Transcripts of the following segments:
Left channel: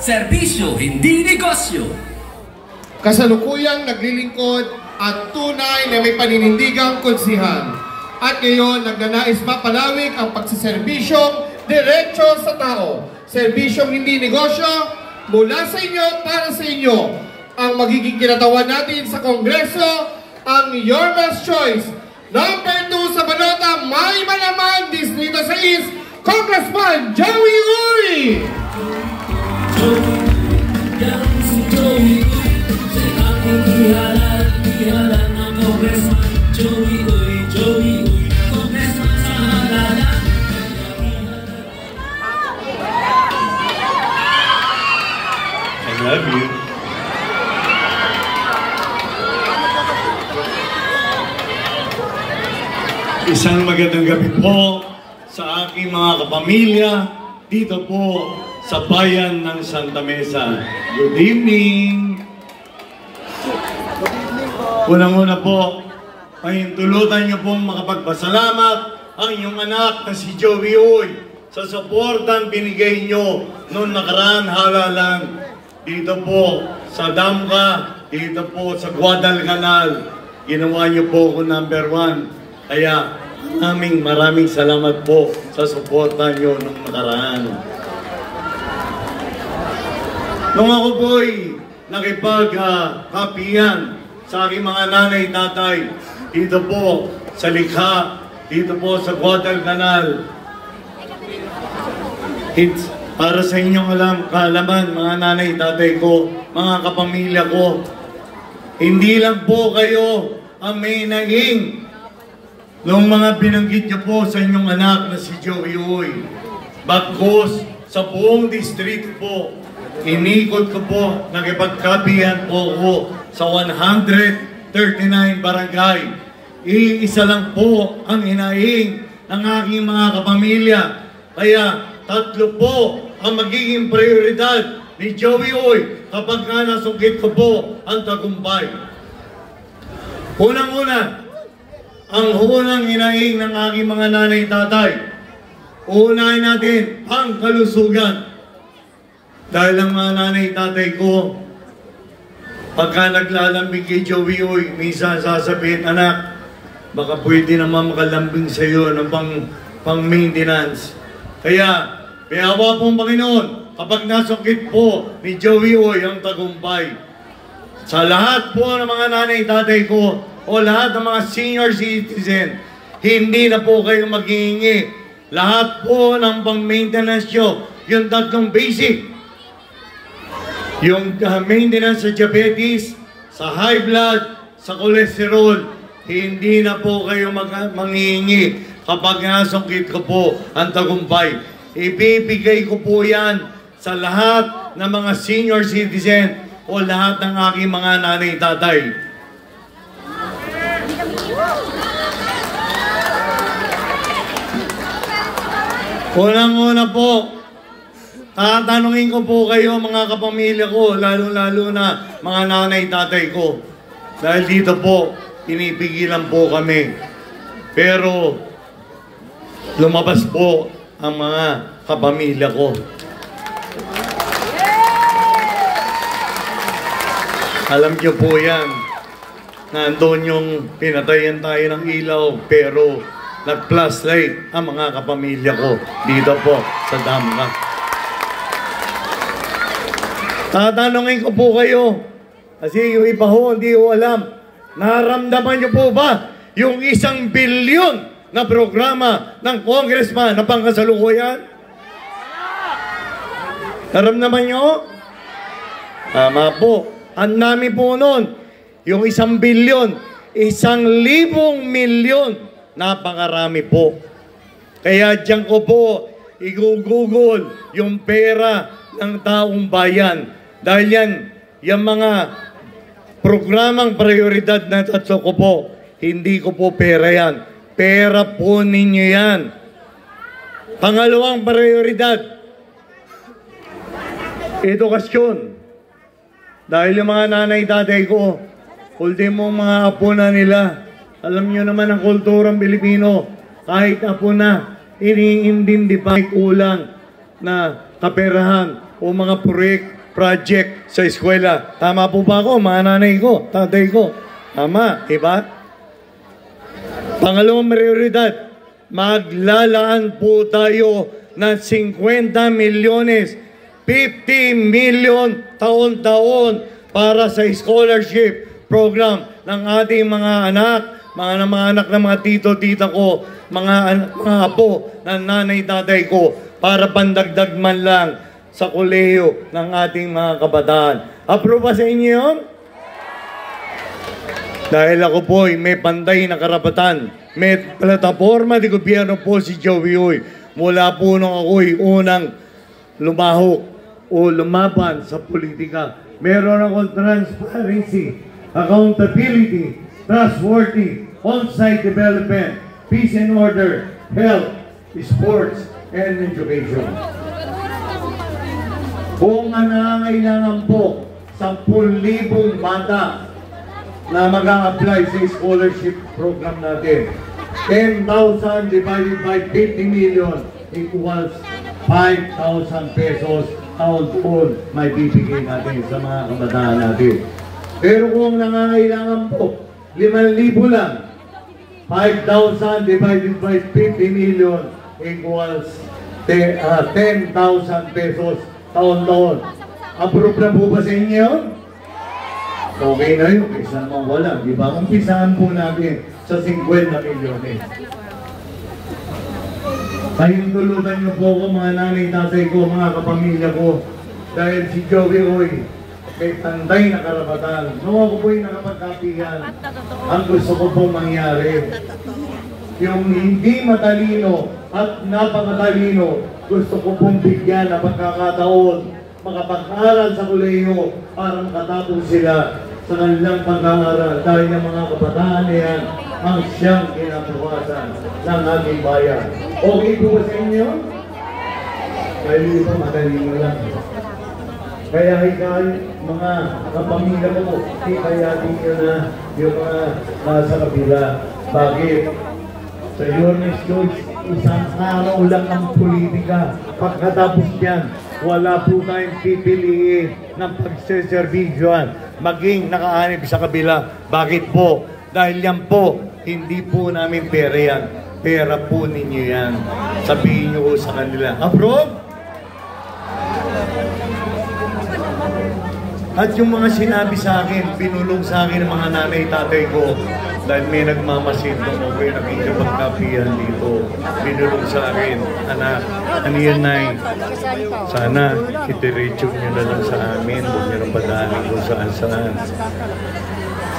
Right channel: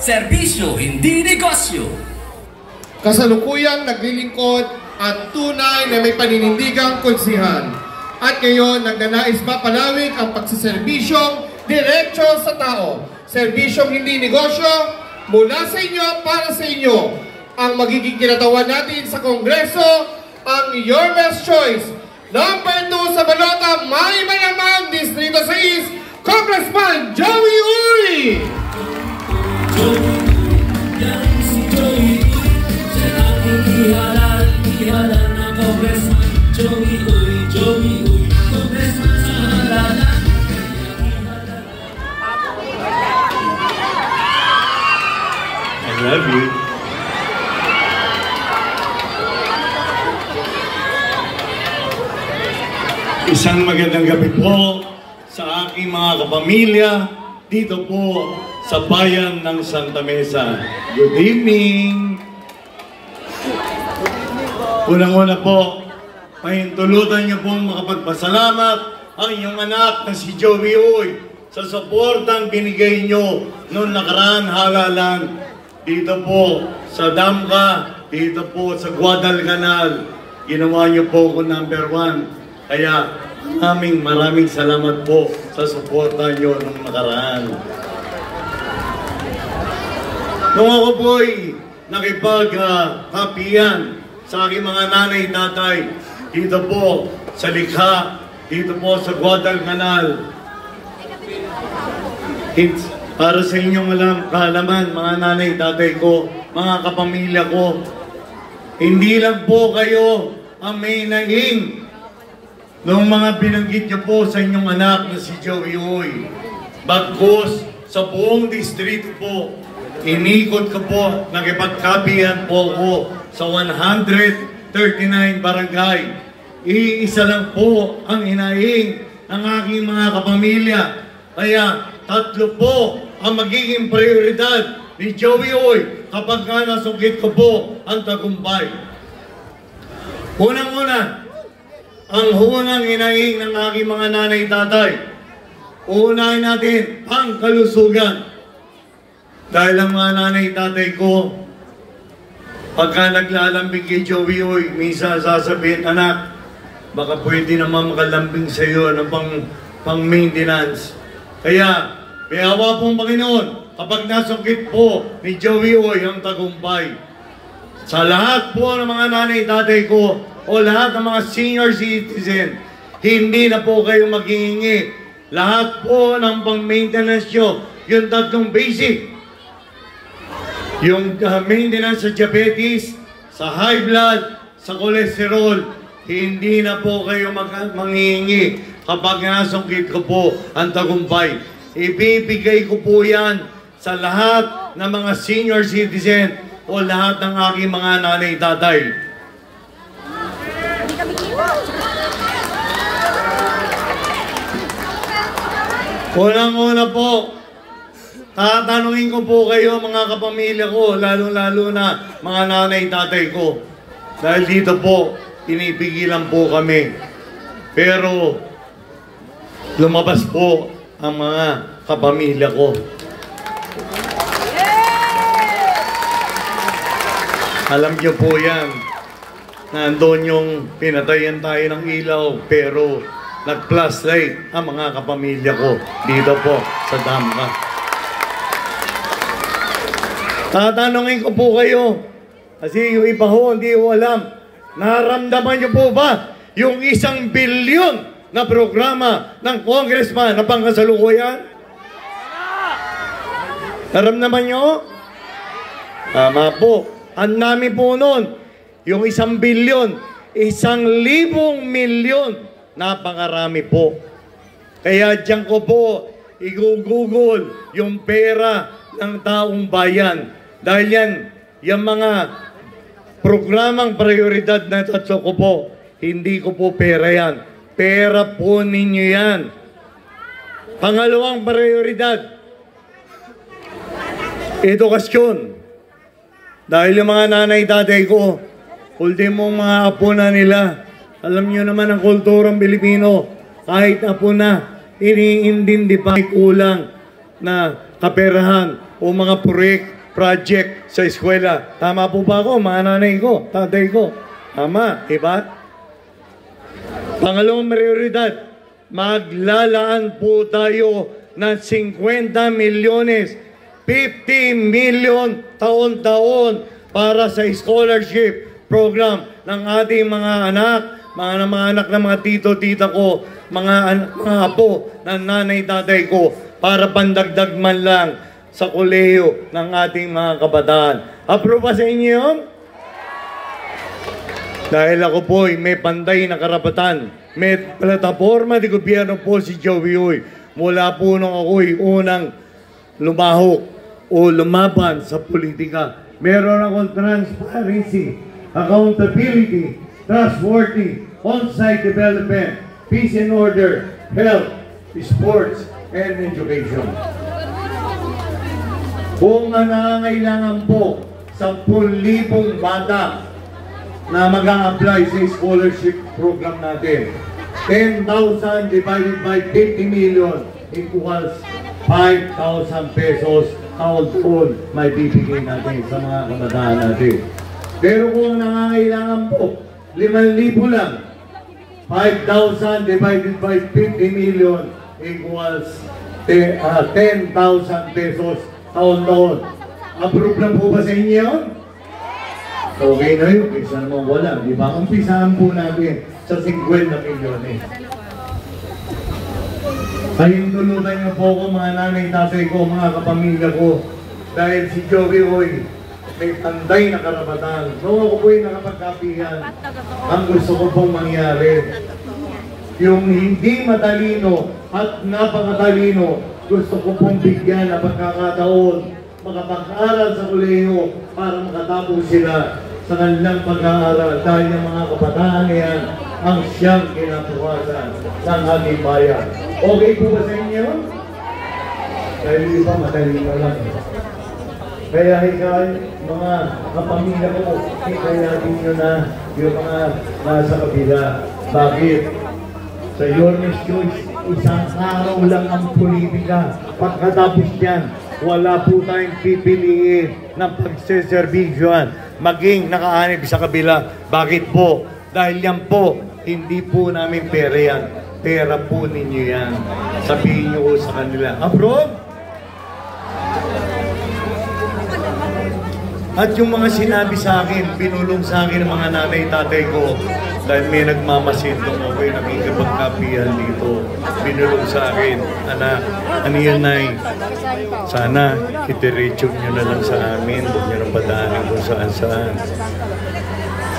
serbisyo hindi negosyo. Kasalukuyang naglilingkod at tunay na may paninindigang konsihan. At ngayon, nagnanais mapalawig ang pagsiserbisyong diretso sa tao. Serbisyong hindi negosyo, mula sa inyo para sa inyo. Ang magiging kinatawan natin sa Kongreso, ang Your Best Choice. Number 2 sa balota, may malaman, Distrito 6, Congressman Joey Uy! Ihalan ng Congressman Joey Uy, Congressman sa halalan. I love you. Isang magandang gabi po sa aking mga kapamilya dito po sa bayan ng Santa Mesa. Good evening! Unang-una po, pahintulutan niyo pong makapagpasalamat ang inyong anak na si Joey Uy sa suportang binigay niyo noong nakaraan halalan dito po sa Damka, dito po sa Guadalcanal. Ginawa niyo po ko number 1. Kaya maraming salamat po sa suporta niyo noong nakaraan. Nung ako po'y nakipag-kapiyan sa aking mga nanay, tatay, dito po sa Likha, dito po sa Guadalcanal. It's para sa inyong kaalaman, mga nanay, tatay ko, mga kapamilya ko, hindi lang po kayo ang may naging nung mga binanggit niyo po sa inyong anak na si Joey Uy. Bagkus sa buong distrito po, inikot ko po, nakipagkapihan po ko sa 139 barangay. Iisa lang po ang hinaing ng aking mga kapamilya. Kaya 3 po ang magiging prioridad ni Joey Uy kapag nga nasungkit ko po ang tagumpay. Unang-una, ang unang hinaing ng aking mga nanay-tatay, unahin natin ang kalusugan. Dahil ang mga nanay-tatay ko, pagka naglalambing kay Joey Uy, minsan sasabihin, anak, baka pwede naman makalambing sa iyo ng pang-maintenance. Kaya, may awa pong Panginoon, kapag nasungkit po ni Joey Uy ang tagumpay, sa lahat po ng mga nanay-tatay ko, o lahat ng mga senior citizen, hindi na po kayo maghihingi. Lahat po ng pang-maintenance nyo, yung 3 basic, yung maintenance sa diabetes, sa high blood, sa cholesterol, hindi na po kayo manghihingi kapag nasungkit ko po ang tagumpay. Ibibigay ko po yan sa lahat ng mga senior citizen o lahat ng aking mga nanay-tatay. Unang-una po, tatanungin ko po kayo mga kapamilya ko, lalo-lalo na mga nanay-tatay ko. Dahil dito po, tinipigilan po kami. Pero, lumabas po ang mga kapamilya ko. Alam niyo po yan, nandun yung pinatayan tayo ng ilaw, pero nag-flashlight ang mga kapamilya ko dito po sa Damka. Tatanungin ko po kayo, kasi yung iba ho, hindi ko alam, naramdaman niyo po ba yung 1 bilyon na programa ng congressman na pangkasalukuyan? Naramdaman niyo? Tama po. Ang namin po noon, yung 1 bilyon, 1,000 milyon, napakarami po. Kaya diyan ko po i-google yung pera ng taong bayan. Dahil yan, yung mga programang prioridad na 3 ko po, hindi ko po pera yan. Pera po ninyo yan. Pangalawang prioridad, edukasyon. Dahil yung mga nanay-tatay ko, ultimong mga apo na nila, alam nyo naman ang kulturang Pilipino, kahit apo na, iniintindi pa kulang na kaperahan. o mga project sa eskwela. Tama po ba ako, mga nanay ko, tatay ko? Tama, diba? Pangalawang prioridad, maglalaan po tayo ng 50 milyones, 50 million taon-taon para sa scholarship program ng ating mga anak, mga anak ng mga tito-tita ko, mga apo ng nanay-tatay ko, para pandagdag man lang sa kolehiyo ng ating mga kabataan. Approve ba sa inyo yun? Dahil ako po ay may panday na karapatan, may plataforma de gobyerno po si Joey Uy. Mula po nung ako'y unang lumaho o lumaban sa politika. Meron akong transparency, accountability, trustworthy, on-site development, peace and order, health, sports, and education. Kung nangangailangan po 10,000 bata na mag-a-apply sa scholarship program natin, 10,000 divided by 50 million equals 5,000 pesos taon-taon may bibigay natin sa mga kabataan natin. Pero kung nangangailangan po 5,000 lang, 5,000 divided by 50 million equals 10,000 pesos taon-taon. Approve na po ba sa inyo yun? Okay na yun, kaysa naman wala. Di ba? Umpisahan po natin sa 50 milyones. Kayong tulutan niyo po ako, mga nanay, tatay ko, mga kapamilya ko. Dahil si Joey Uy, may tanday na karapatan. Nung ako po'y nakapagkapihan, ang gusto ko pong mangyari. Yung hindi matalino at napakatalino, gusto ko pong bigyan na pagkakataon makapag-aral sa kolehiyo para makatapos sila sa kanilang pag-aaral. Dahil yung mga kabataan yan ang siyang kinabukasan ng ating bayan. Okay po ba sa inyo? Dahil yung iba matalino lang. Kaya ikaw, mga kapamilya ko, hikayatin nyo na yung mga nasa kabila. Bakit? Sa Yormes Church, isang araw lang ang politika. Pagkatapos yan, wala po tayong pipiliin ng pagseservisyon, maging nakaanib sa kabila. Bakit po? Dahil yan po, hindi po namin pera yan. Pera po ninyo yan. Sabihin nyo sa kanila. Approve? At yung mga sinabi sa akin, binulong sa akin ng mga nanay, tatay ko, dahil may nagmamasid kung ako'y nakikipagkapihan dito. Binulong sa akin, anak, ano yan, Nay? Sana itiretso nyo na lang sa amin, huwag nyo nang padaanin kung saan-saan.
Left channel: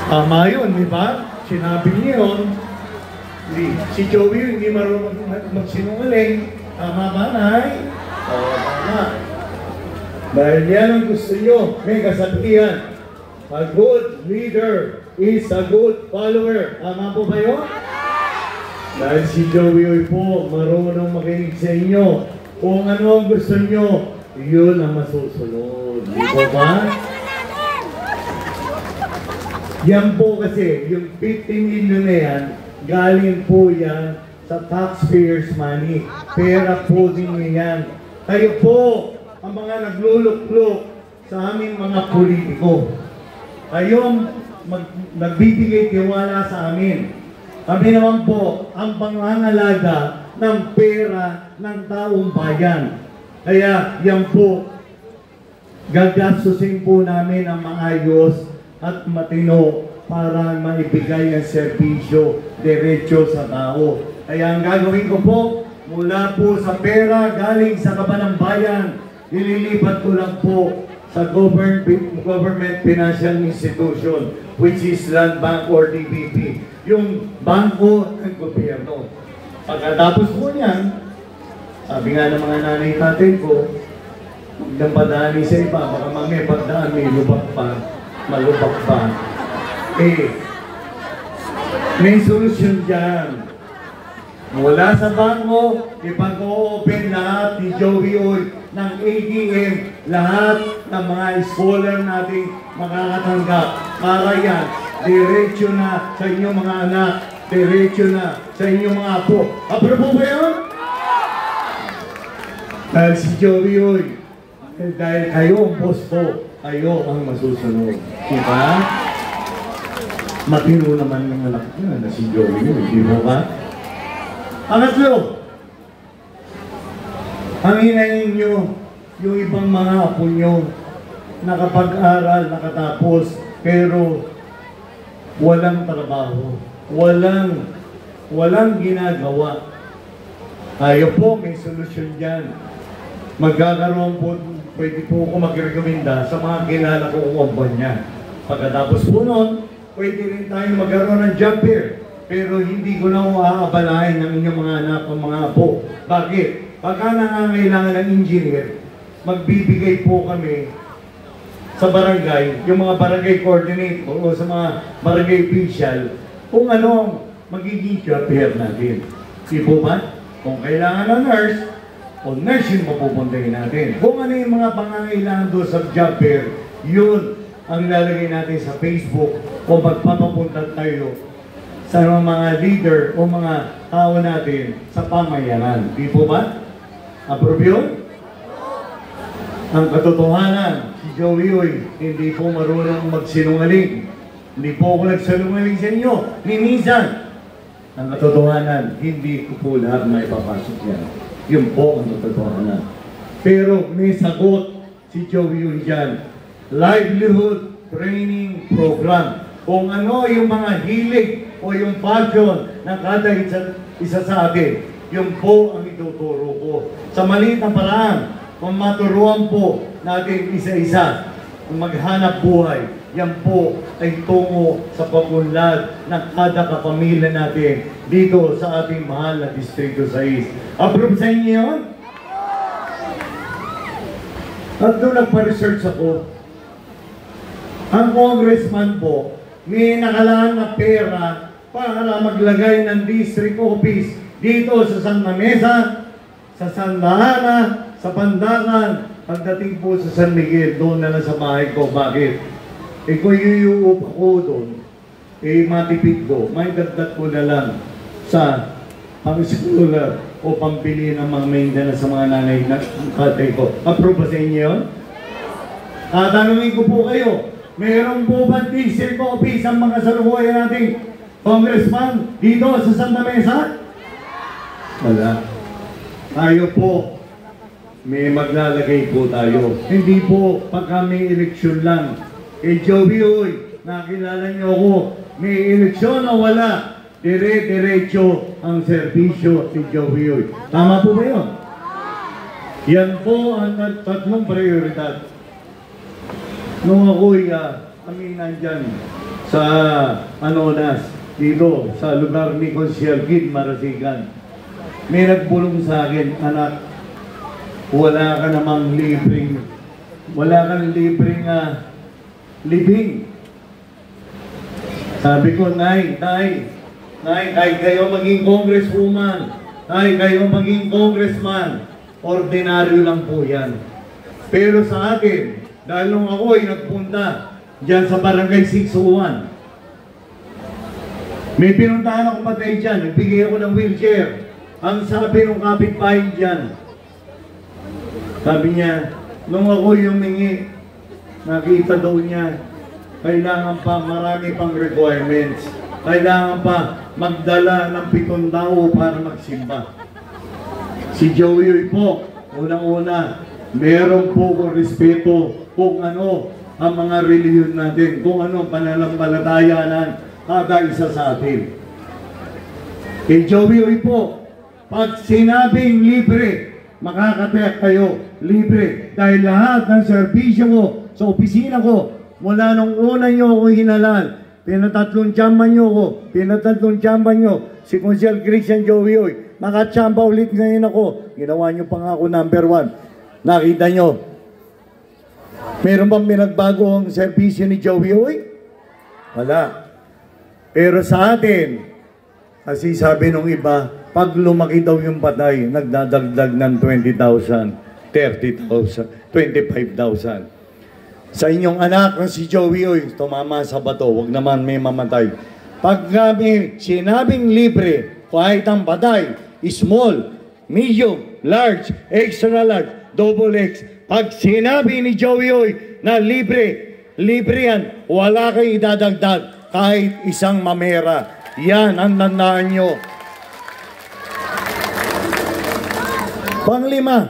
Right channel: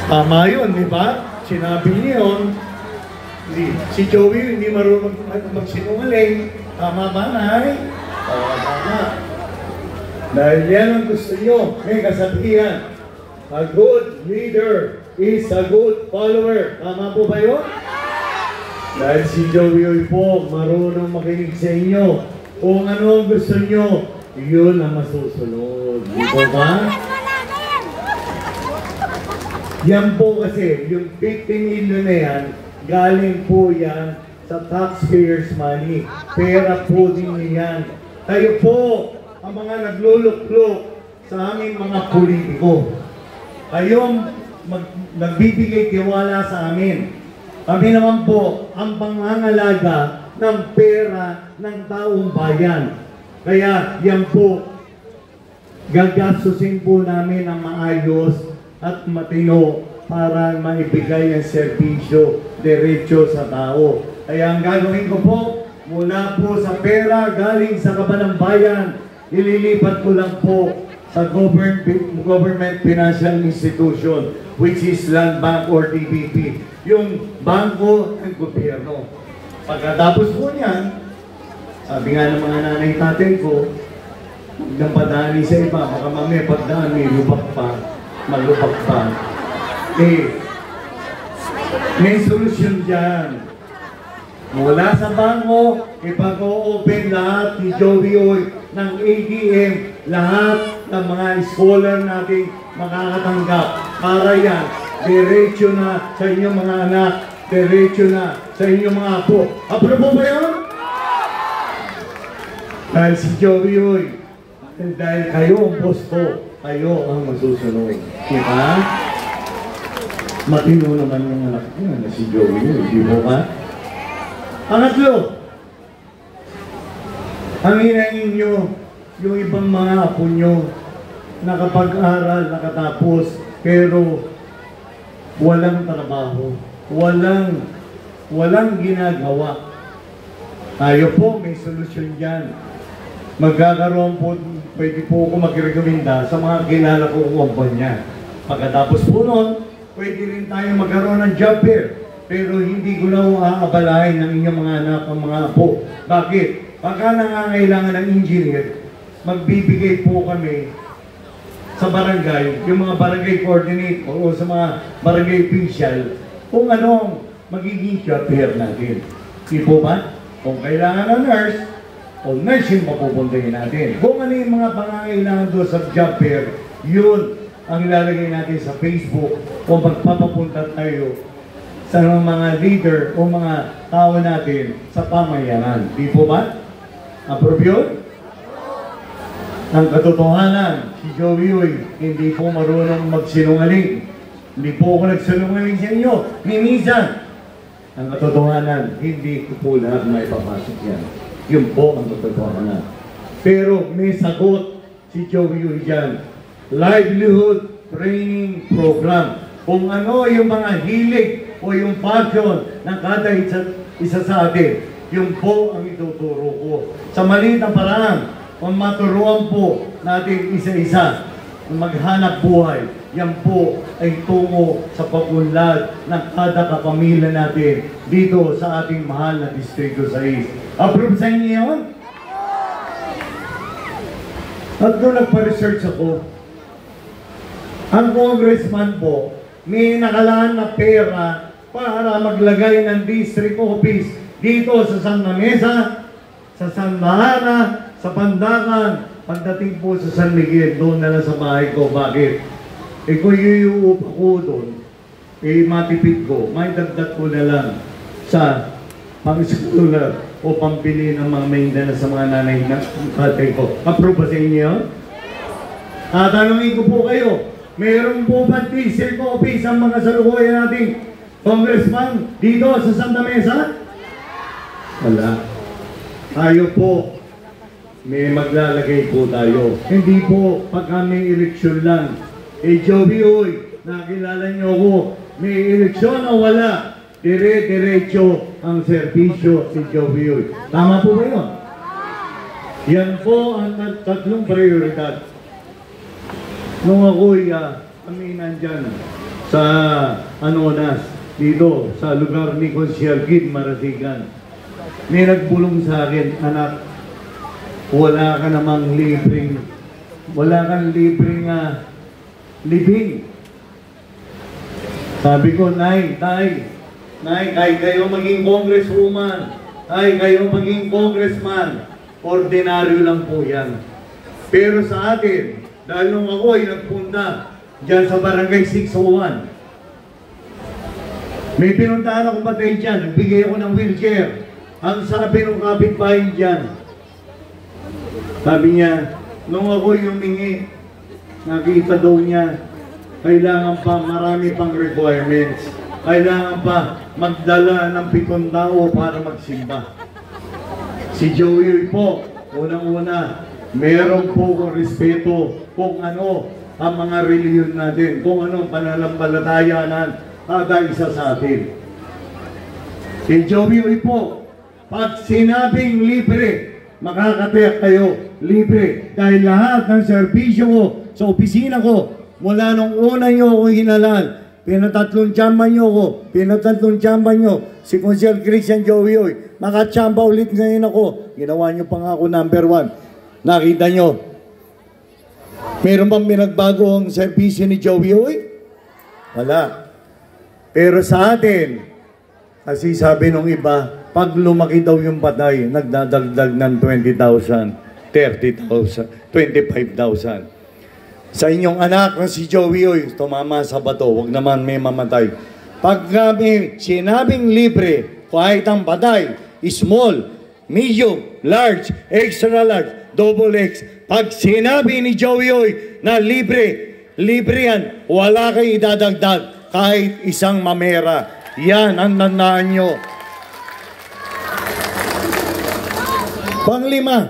Tama yun, di ba? Sinabi niyo yun. Si Joey hindi marunong magsinungaling. Tama ba, Nay? Tama. Dahil yan ang gusto nyo, may kasabihan. A good leader is a good follower. Tama po ba yun? Dahil si Joey po marunong makinig sa inyo. Kung ano ang gusto nyo, yun ang masusunod. Di po ba? Yan po kasi, yung 50 million na yan, galing po yan sa taxpayers' money. Pera po din yan. Kayo po, ang mga nagluluklok sa aming mga politiko. Kayong nagbibigay tiwala sa amin. Kami naman po ang pangangalaga ng pera ng taong bayan. Kaya yan po, gagastusin po namin ang maayos at matino para maibigay ang serbisyo diretso sa tao. Kaya ang gagawin ko po, mula po sa pera galing sa kaban ng bayan, nililipat ko lang po sa government financial institution, which is Land Bank or DBP, yung bangko ng gobyerno. Pagkatapos po niyan, sabi nga ng mga nanay tatay ko, huwag nang padaanin sa iba, baka mamaya pagdaan may lubak pa, malubak pa. May solusyon dyan. Mula sa bangko, ipag-o-open lahat ni Joey Uy ng ATM, lahat ng mga scholar natin makakatanggap. Para yan, diretso na sa inyong mga anak, diretso na sa inyong mga apo. Approve ba yun? Dahil si Joey Uy, dahil kayo ang boss ko, kayo ang masusunod. Diba? Matino naman yung anak ko na si Joey, di ba ba? Pangatlo, ang hinahin nyo, yung ibang mga apo nyo, nakapag-aral, nakatapos, pero walang trabaho, walang ginagawa. Ayaw po, may solusyon dyan. Magkakaroon po, pwede po ako magrekomenda sa mga kilala kong kumpanya. Pagkatapos po noon, pwede rin tayong magkaroon ng job fair. Pero hindi ko na aabalahin ng inyong mga anak o mga apo. Bakit? Pagka nangangailangan ng engineer, magbibigay po kami sa barangay, yung mga barangay coordinate o sa mga barangay official, kung ano ang magiging job fair natin. Di po ba? Kung kailangan ng nurse, o nurse yung mapupuntahin natin. Kung ano yung mga pangangailangan doon sa job fair, yun ang ilalagay natin sa Facebook o magpapapunta tayo sa mga leader o mga tao natin sa pamayanan. Di po ba? Approve yun? Ang katotohanan, si Joey Uy, hindi po marunong magsinungaling. Hindi po ako nagsinungaling sa inyo. Ni minsan. Ang katotohanan, hindi ko po lahat na ipapasok yan. Yun po ang katotohanan. Pero may sagot si Joey Uy dyan. Livelihood Training Program. Kung ano yung mga hilig o yung passion ng kada isa sa atin, yun po ang ituturo ko. Sa maliit na paraan, kung maturuan po natin isa-isa, kung maghanap buhay, yan po ay tungo sa pag-unlad ng kada kapamilya natin dito sa ating mahal na Distrito 6. Approve sa inyo yun? At doon nagpa-research ako, ang congressman po, may nakalaan na pera para maglagay ng district office dito sa San Mamesa, sa San Lahana, sa Pandakan, pagdating po sa San Miguel, doon na lang sa bahay ko. Bakit? Eh kung iuup ako doon, eh matipid ko, may dagdag ko na lang sa pang-scholar o pampili ng mga maintenance sa mga nanay na katay ko. Approve ba sa inyo? Tatanungin ko po kayo, mayroon po ba district office ang mga salukuyan nating congressman dito sa Santa Mesa? Wala. Tayo po, may maglalagay po tayo. Hindi po pagka may eleksyon lang. Eh Joey Uy, nakilala niyo ako, may eleksyon o wala? Dire-diretso ang serbisyo si Joey Uy. Tama po ba yun? Yan po ang tatlong prioridad. Nung ako'y kami nandyan sa Anonas, dito sa lugar ni Consiel Kid Marasigan, may nagbulong sa akin, anak, wala ka namang libreng libing. Sabi ko, Nay, kahit kayo maging congresswoman, kahit kayo maging congressman, ordinaryo lang po yan. Pero sa atin, dahil nung ako ay nagpunta dyan sa Barangay 601, may pinuntahan akong patay dyan, nagbigay ako ng wheelchair. Ang sabi ng kapitbahay dyan, sabi niya, nung ako humingi, nakita daw niya, kailangan pa marami pang requirements. Kailangan pa magdala ng 7 tao para magsimba. Si Joey po, unang-una, meron po kong respeto kung ano ang mga reliyon natin, kung ano pananampalataya ng kada isa sa atin. Si Joey po, pag sinabing libre, makakatiyak kayo, libre. Dahil lahat ng serbisyo ko sa opisina ko, mula nung una nyo ako hinalaan, pinatatlong tiyamba nyo si Consiel Christian Joey Uy, nakachamba ulit ngayon ako, ginawa nyo pa nga ako number 1. Nakita nyo, meron bang pinagbago ang serbisyo ni Joey Uy? Wala. Pero sa atin, kasi sabi nung iba, pag lumaki daw yung patay, nagdadagdag ng 20,000, 30,000, 25,000. Sa inyong anak na si Joey Uy, tumama sa bato, wag naman may mamatay. Pag kami sinabing libre, kahit ang patay, small, medium, large, extra large, double X. Pag sinabi ni Joey Oy na libre, libre yan, wala kayo idadagdag kahit isang mamera. Yan ang tandaan nyo. Panglima,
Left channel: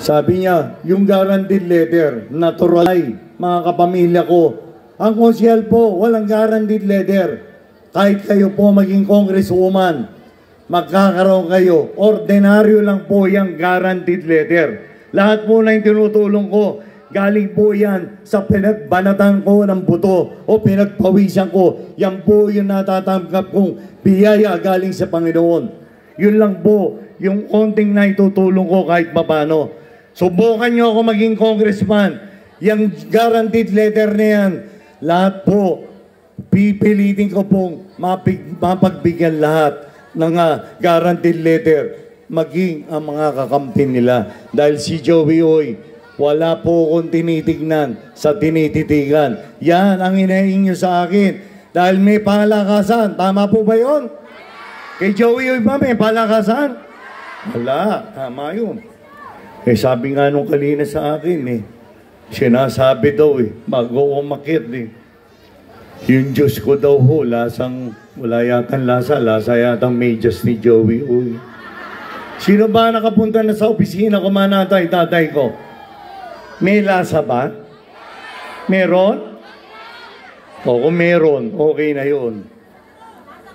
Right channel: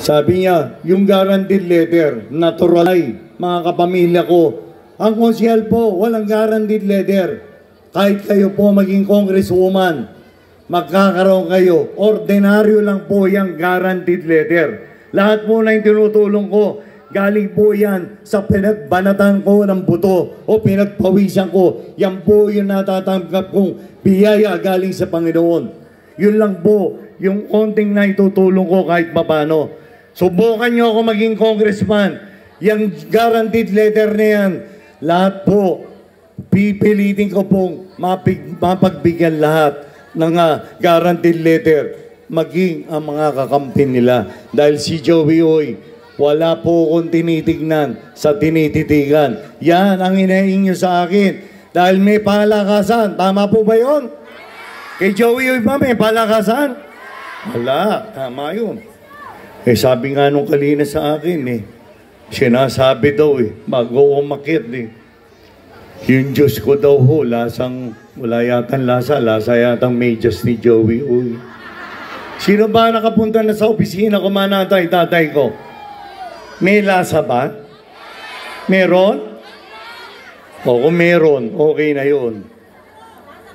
sabi niya, yung guaranteed letter, natural ay, mga kapamilya ko. Ang konsyel po, walang guaranteed letter. Kahit kayo po maging congresswoman, magkakaroon kayo. Ordinaryo lang po yung guaranteed letter. Lahat po na yung tinutulong ko, galing po yan sa pinagbanatan ko ng buto o pinagpawisan ko. Yan po yung natatanggap kong biyaya galing sa Panginoon. Yun lang po yung konting na itutulong ko kahit papano. Subukan nyo ako maging congressman. Yung guaranteed letter na yan, lahat po, pipilitin ko pong mapagbigyan lahat ng guaranteed letter, maging ang mga kakampi nila. Dahil si Joey Oy, wala po akong tinitignan sa tinititigan. Yan ang hinaing nyo sa akin. Dahil may palakasan. Tama po ba yun? Kay Joey Oy ba may palakasan? Wala. Tama yun. Eh sabi nga nung kalina sa akin sinasabi daw bago umakit yung Diyos ko daw ho, lasang, wala yatang lasa yatang medyas ni Joey Oy. Sino ba nakapunta na sa opisina ko tatay ko? May lasa ba? Meron? O kung meron, okay na yun.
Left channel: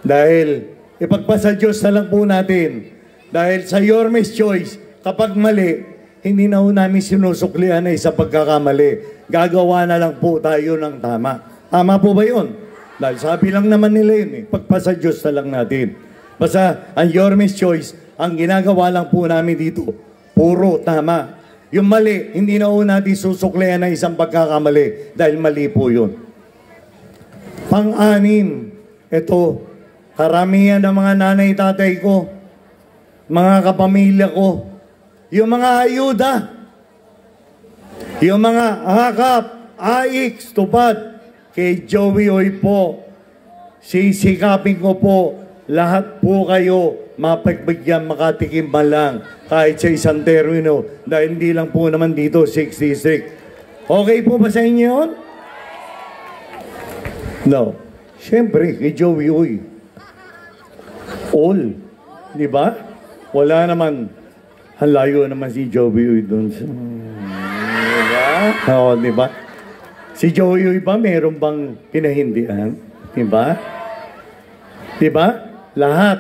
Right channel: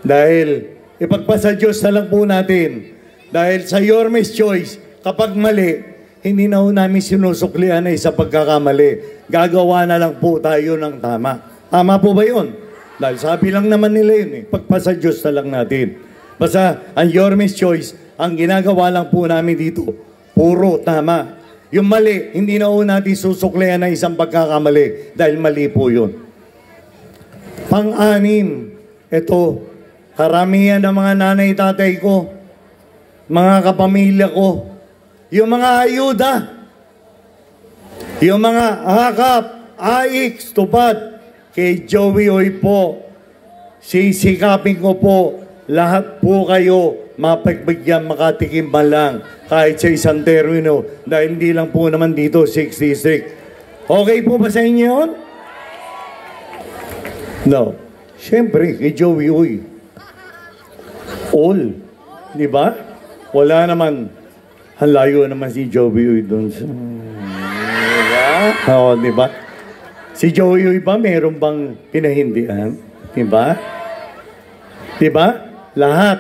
Dahil, ipagpasa Diyos na lang po natin. Dahil sa Yorme's Choice, kapag mali, hindi na ho namin sinusuklian sa pagkakamali. Gagawa na lang po tayo ng tama. Tama po ba yun? Dahil sabi lang naman nila yun pagpasa Diyos na lang natin. Basta ang Yorme's Choice, ang ginagawa lang po namin dito, puro tama. Yung mali, hindi na ho natin susuklian na isang pagkakamali dahil mali po yun. Pang-anim, ito, karamihan ng mga nanay tatay ko, mga kapamilya ko, yung mga ayuda, yung mga hakap, AIX, tupad, kay Joey Oy po, sisikapin ko po, lahat po kayo, mapagbigyan, makatikim man lang, kahit sa isang termino, dahil hindi lang po naman dito, 66. Okay po ba sa inyo yun? No. Siyempre, kay Joey Oy, all. Di ba? Wala naman. Ang layo naman si Joey Oy doon sa... Diba? Oo, diba? Si Joey Oy ba meron bang pinahindihan? Diba? Diba? Lahat.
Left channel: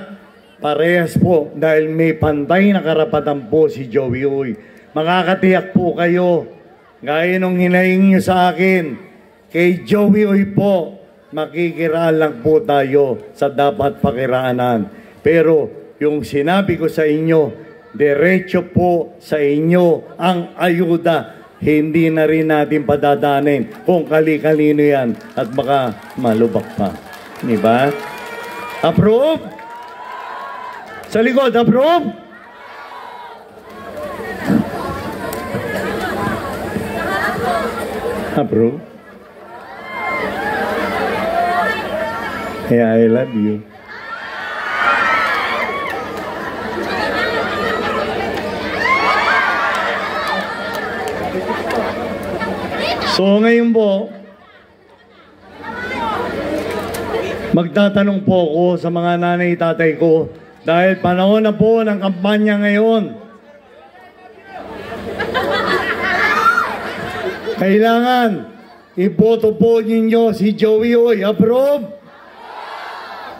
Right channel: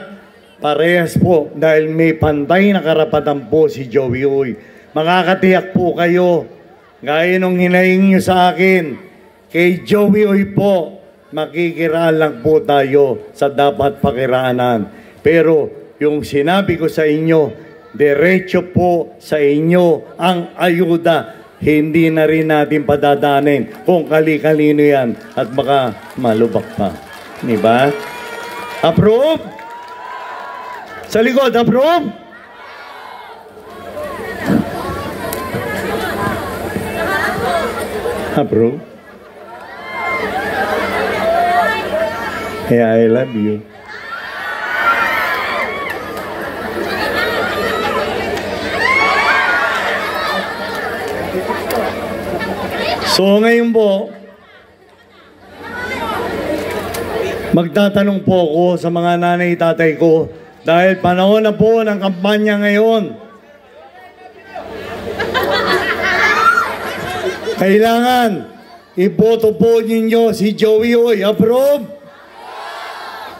Parehas po. Dahil may pantay na karapatan po si Joey Oy. Makakatiyak po kayo. Gaya nung hinaing nyo sa akin. Kay Joey Oy po, makikiraan lang po tayo sa dapat pakiraanan. Pero yung sinabi ko sa inyo, diretso po sa inyo ang ayuda. Hindi na rin natin padadanin kung kali-kalino yan at baka malubak pa. Diba? Approve? Sa likod, approve? Approve? Yeah, I love you. So ngayon po, magtatanong po ako sa mga nanay tatay ko dahil panahon na po ng kampanya ngayon. Kailangan iboto po ninyo si Joey Oy. Approve?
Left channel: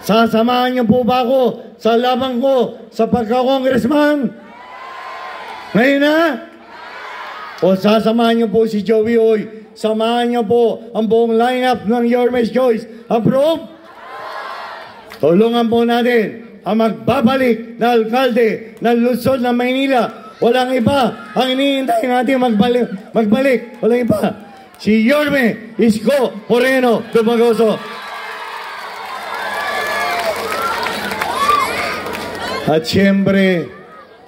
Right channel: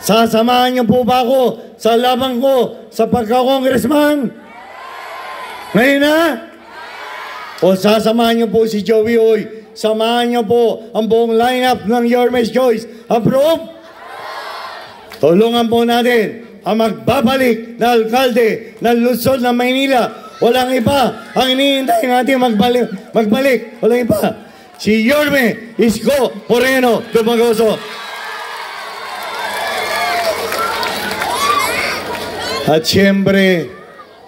Sasamahan niyo po ba ako sa laban ko sa pagka-congressman? Ngayon na? O sasamahan niyo po si Joey Oy. Samahan niyo po ang buong lineup ng Yorme's Choice. Approve? Tulungan po natin ang magbabalik na alkalde ng Luzon ng Maynila. Walang iba ang iniintay natin magbalik. Walang iba. Si Yorme Isko Moreno Dumagoso. At siyempre,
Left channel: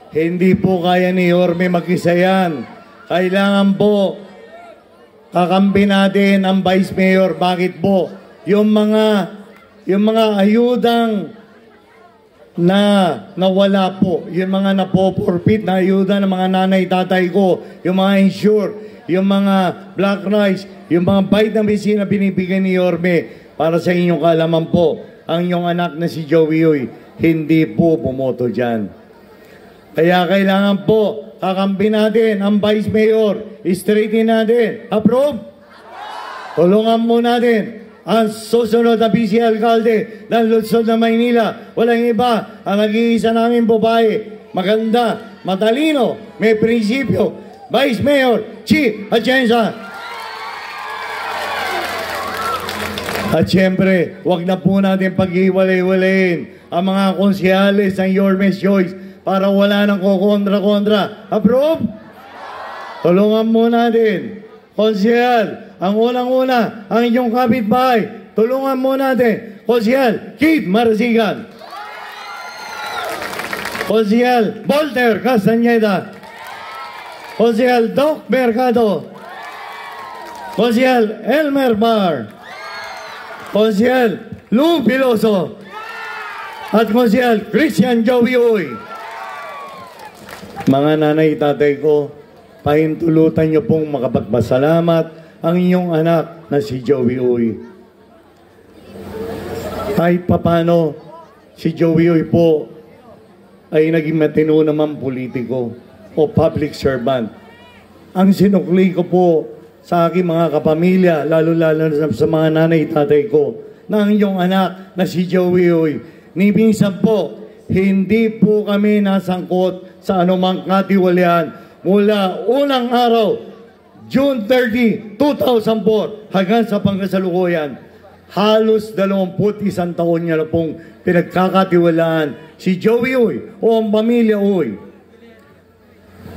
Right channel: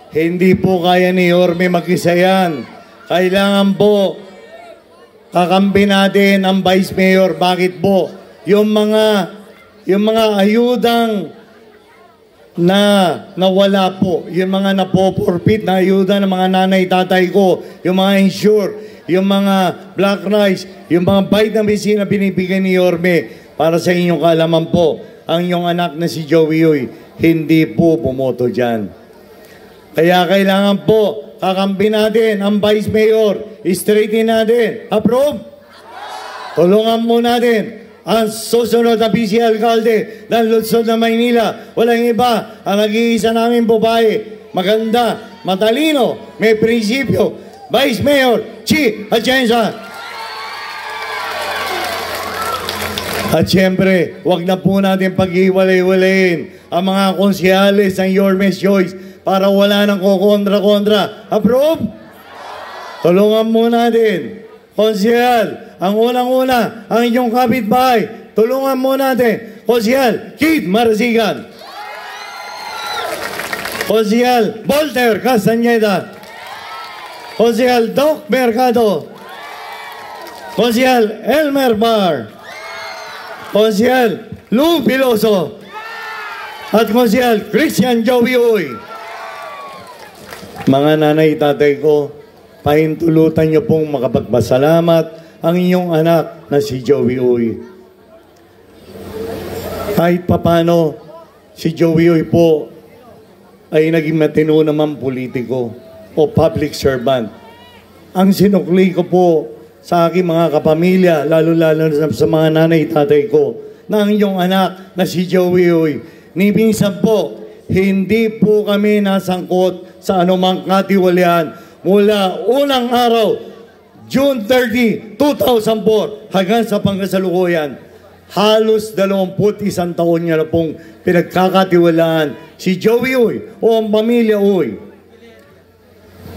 hindi po kaya ni Yorme mag-isa yan. Kailangan po kakampi natin ang Vice Mayor. Bakit po? Yung mga ayudang na nawala po, yung mga napoporpit na ayuda ng mga nanay tatay ko, yung mga insure, yung mga black rice, yung mga vitamins na binibigyan ni Yorme. Para sa inyong kaalaman po, ang inyong anak na si Joey Uy, hindi po bumoto dyan. Kaya kailangan po, kakampi natin ang Vice Mayor, straightin natin. Approve? Tulungan mo natin ang susunod na vice alkalde ng lungsod ng Maynila. Walang iba, ang nag-iisa namin babae, maganda, matalino, may prinsipyo, Vice Mayor Chi Atienza. At siyempre, wag na po natin pag-iwalay-walayin ang mga konsyales ng Yorme's Choice para wala nang kukontra-kontra. Approve? Tulungan mo natin. Konsyal, ang unang-una, ang inyong kapitbahay. Tulungan mo natin. Konsyal, Kid Marasigan. Konsyal, Volter Castañeda. Konsyal, Doc Mercado. Konsyal, Elmer Bar. Konsyal, Lou Piloso. At Konsyal, Christian Joey Uy. Mga nanay, tatay ko, pahintulutan niyo pong makapagpasalamat ang inyong anak na si Joey Uy. Kahit papano, si Joey Uy po ay naging matino naman politiko o public servant. Ang sinukli ko po sa aking mga kapamilya, lalo-lalo sa mga nanay tatay ko, na ang inyong anak na si Joey Uy, ni minsan po, hindi po kami nasangkot sa anumang katiwalian mula unang araw, June 30, 2004, hanggang sa pangkasalukuyan. Halos 21 taon niya na pong pinagkakatiwalaan si Joey Uy o ang pamilya Uy.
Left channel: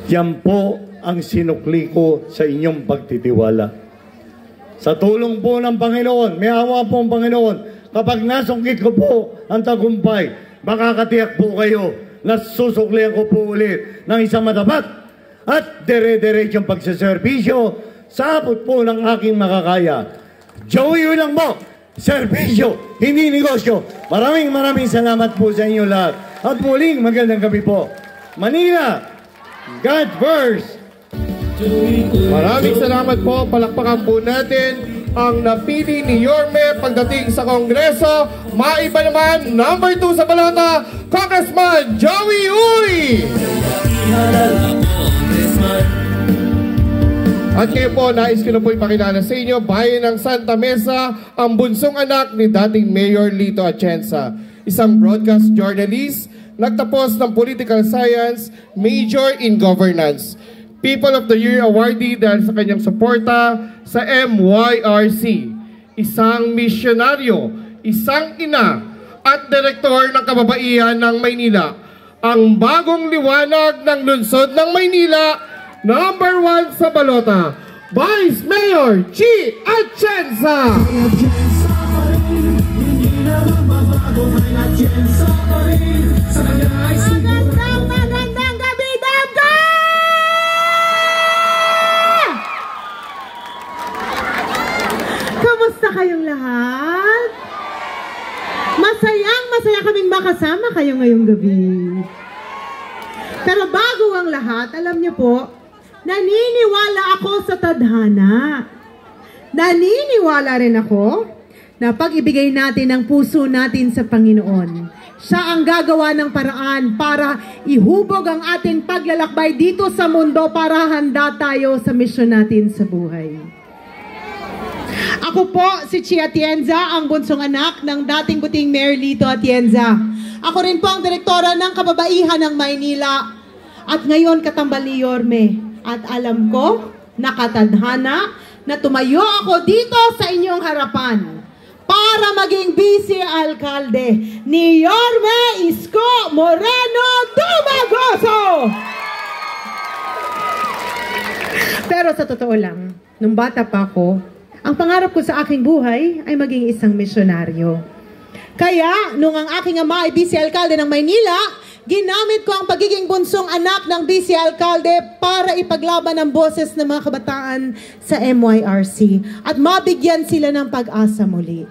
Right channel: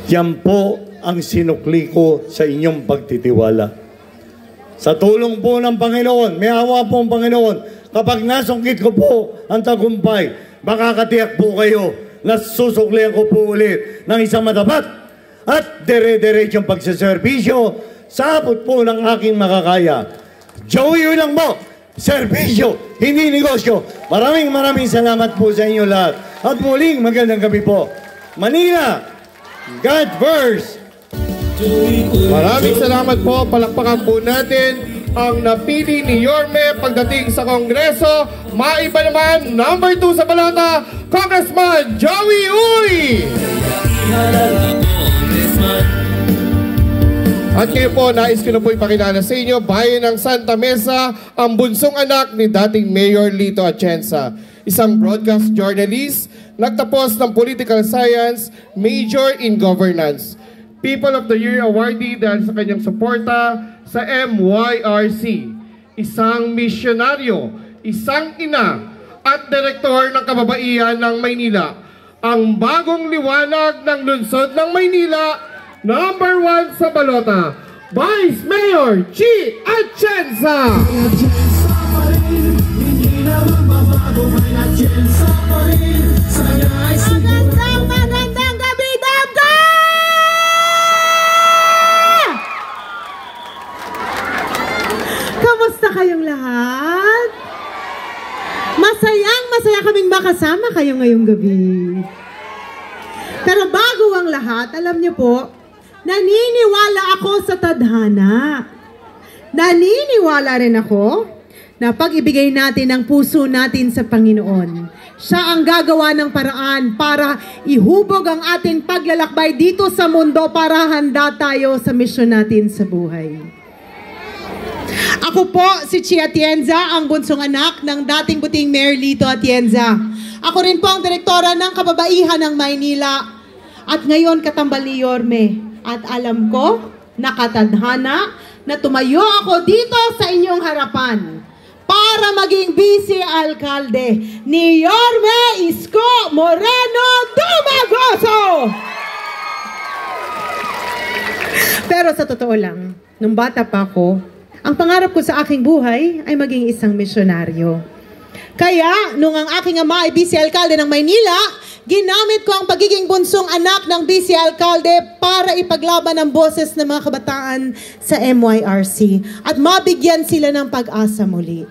Yan po ang sinukli ko sa inyong pagtitiwala. Sa tulong po ng Panginoon, may awa po ang Panginoon, kapag nasungkit ko po ang tagumpay, makakatiyak po kayo na susuklihan ko po ulit ng isang matapat at dire-diretsong pagsaservisyo sa abot po ng aking makakaya. Joey lang po, serbisyo, hindi negosyo. Maraming salamat po sa inyo lahat. At muling magandang gabi po. Manila, God first! Maraming salamat po. Palakpakan po natin ang napili ni Yorme pagdating sa Kongreso. Maiba naman, number 2 sa balota, Congressman Joey Uy! At ngayon po, nais ko na po ipakilala sa inyo, bayan ng Santa Mesa, ang bunsong anak ni dating Mayor Lito Atienza. Isang broadcast journalist, nagtapos ng political science, major in governance. People of the Year awardee dahil sa kanyang suporta sa MYRC. Isang misyonaryo, isang ina, at direktor ng kababaihan ng Maynila. Ang bagong liwanag ng lungsod ng Maynila, number 1 sa balota, Vice Mayor Chi Atienza. Magandang gabi, Damga! Kamusta kayong lahat? Masaya kaming makasama kayo ngayong gabi. Pero bago ang lahat, alam niyo po, naniniwala ako sa tadhana. Naniniwala rin ako na pag ibigay natin ang puso natin sa Panginoon, siya ang gagawa ng paraan para ihubog ang ating paglalakbay dito sa mundo para handa tayo sa misyon natin sa buhay. Ako po si Chi Atienza, ang bunsong anak ng dating buting Mayor Lito Atienza. Ako rin po ang direktora ng kababaihan ng Maynila at ngayon katambal ni Yorme. At alam ko, nakatadhana na tumayo ako dito sa inyong harapan para maging vice alkalde ni Yorme Isko Moreno Dumagoso. Pero sa totoo lang, nung bata pa ako, ang pangarap ko sa aking buhay ay maging isang misyonaryo. Kaya, nung ang aking ama ay vice alkalde ng Maynila, ginamit ko ang pagiging bunsong anak ng vice alkalde para ipaglaban ang boses ng mga kabataan sa MYRC at mabigyan sila ng pag-asa muli.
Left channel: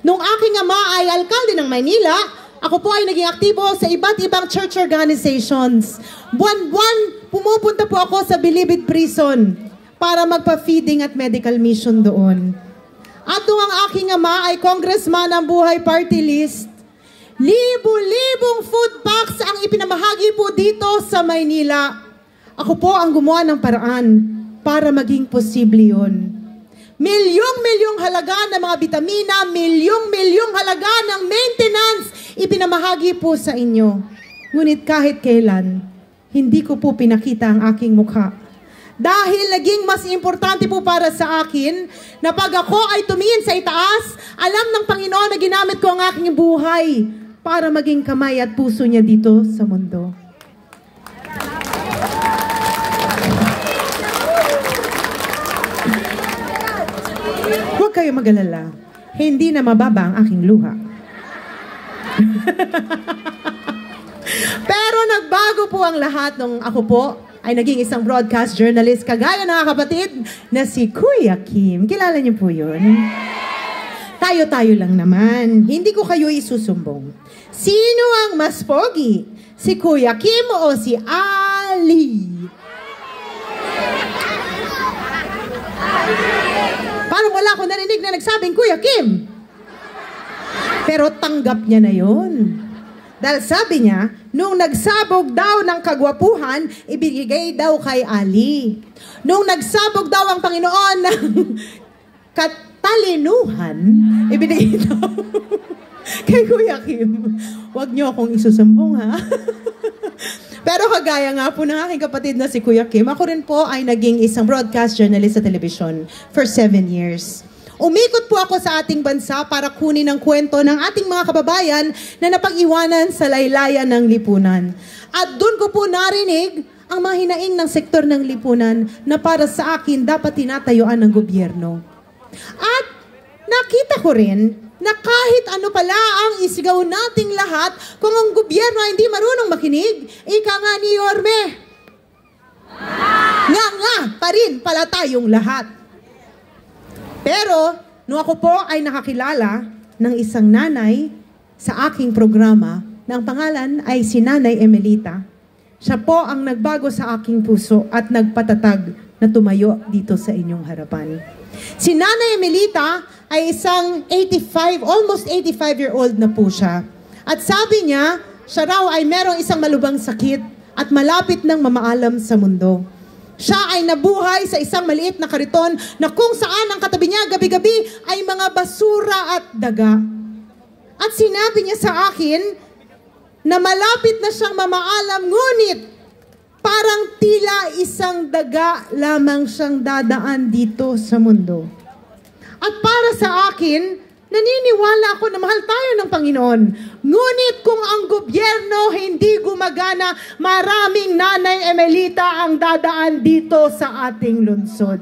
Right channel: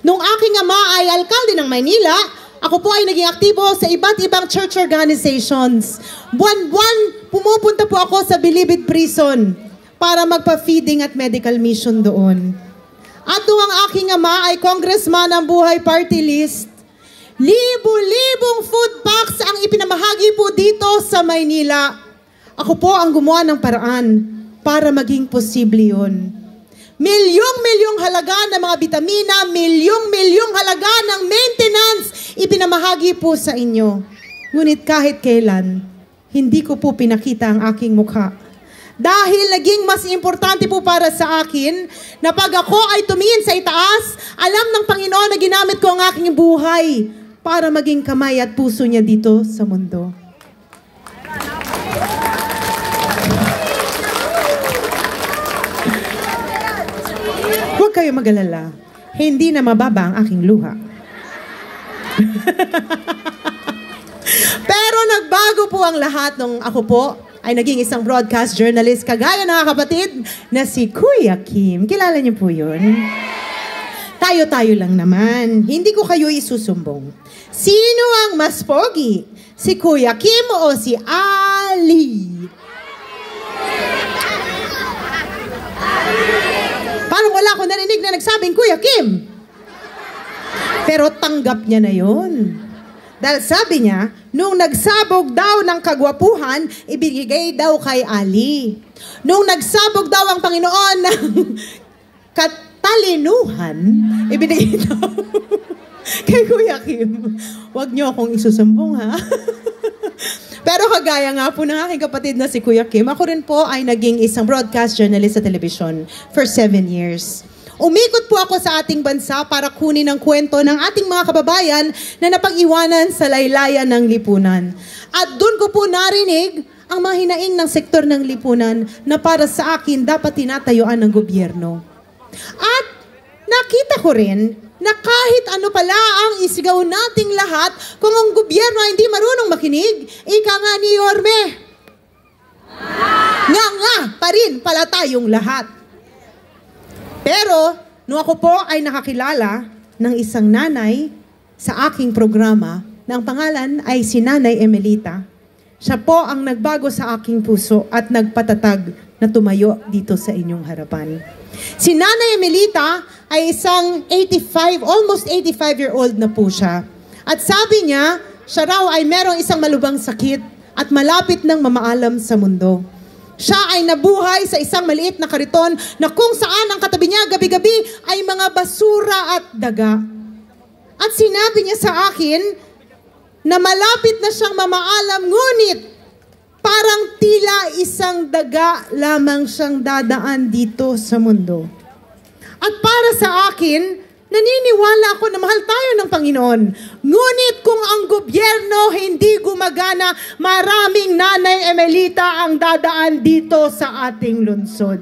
Nung aking ama ay alkalde ng Maynila, ako po ay naging aktibo sa iba't ibang church organizations. Buwan-buwan, pumupunta po ako sa Bilibid Prison para magpa-feeding at medical mission doon. At nung ang aking ama ay congressman ng Buhay Party List, libo-libong food packs ang ipinamahagi po dito sa Maynila. Ako po ang gumawa ng paraan para maging posible yun. Milyong-milyong halaga ng mga bitamina, milyong-milyong halaga ng maintenance, ipinamahagi po sa inyo. Ngunit kahit kailan, hindi ko po pinakita ang aking mukha. Dahil naging mas importante po para sa akin na pag ako ay tumingin sa itaas, alam ng Panginoon na ginamit ko ang aking buhay para maging kamay at puso niya dito sa mundo. Huwag kayo mag-alala. Hindi na mababa ang aking luha. Pero nagbago po ang lahat nung ako po ay naging isang broadcast journalist kagaya ng kapatid na si Kuya Kim. Kilala niyo po yun? Tayo-tayo lang naman. Hindi ko kayo isusumbong. Sino ang mas pogi? Si Kuya Kim o si Ali? Parang wala akong narinig na nagsabing Kuya Kim. Pero tanggap niya na yun. Dahil sabi niya, nung nagsabog daw ng kagwapuhan, ibigay daw kay Ali. Nung nagsabog daw ang Panginoon ng katalinuhan, ibigay daw kay Kuya Kim. Huwag niyo akong isusumbong, ha? Pero kagaya nga po ng aking kapatid na si Kuya Kim, ako rin po ay naging isang broadcast journalist sa television for 7 years. Umikot po ako sa ating bansa para kunin ang kwento ng ating mga kababayan na napag-iwanan sa laylayan ng lipunan. At doon ko po narinig ang mga hinaing ng sektor ng lipunan na para sa akin dapat tinatayuan ng gobyerno. At nakita ko rin na kahit ano pala ang isigaw nating lahat, kung ang gobyerno hindi marunong makinig, ika nga ni Yorme. Nga pa rin pala tayong lahat. Pero, nung ako po ay nakakilala ng isang nanay sa aking programa, na ang pangalan ay si Nanay Emelita, siya po ang nagbago sa aking puso at nagpatatag na tumayo dito sa inyong harapan. Si Nanay Emelita ay isang almost 85-year-old na po siya. At sabi niya, siya raw ay merong isang malubhang sakit at malapit ng mamaalam sa mundo. Siya ay nabuhay sa isang maliit na kariton na kung saan ang katabi niya gabi-gabi ay mga basura at daga. At sinabi niya sa akin na malapit na siyang mamaalam, ngunit parang tila isang daga lamang siyang dadaan dito sa mundo. At para sa akin, naniniwala ako na mahal tayo ng Panginoon. Ngunit kung ang gobyerno hindi gumagana, maraming Nanay Emelita ang dadaan dito sa ating lungsod.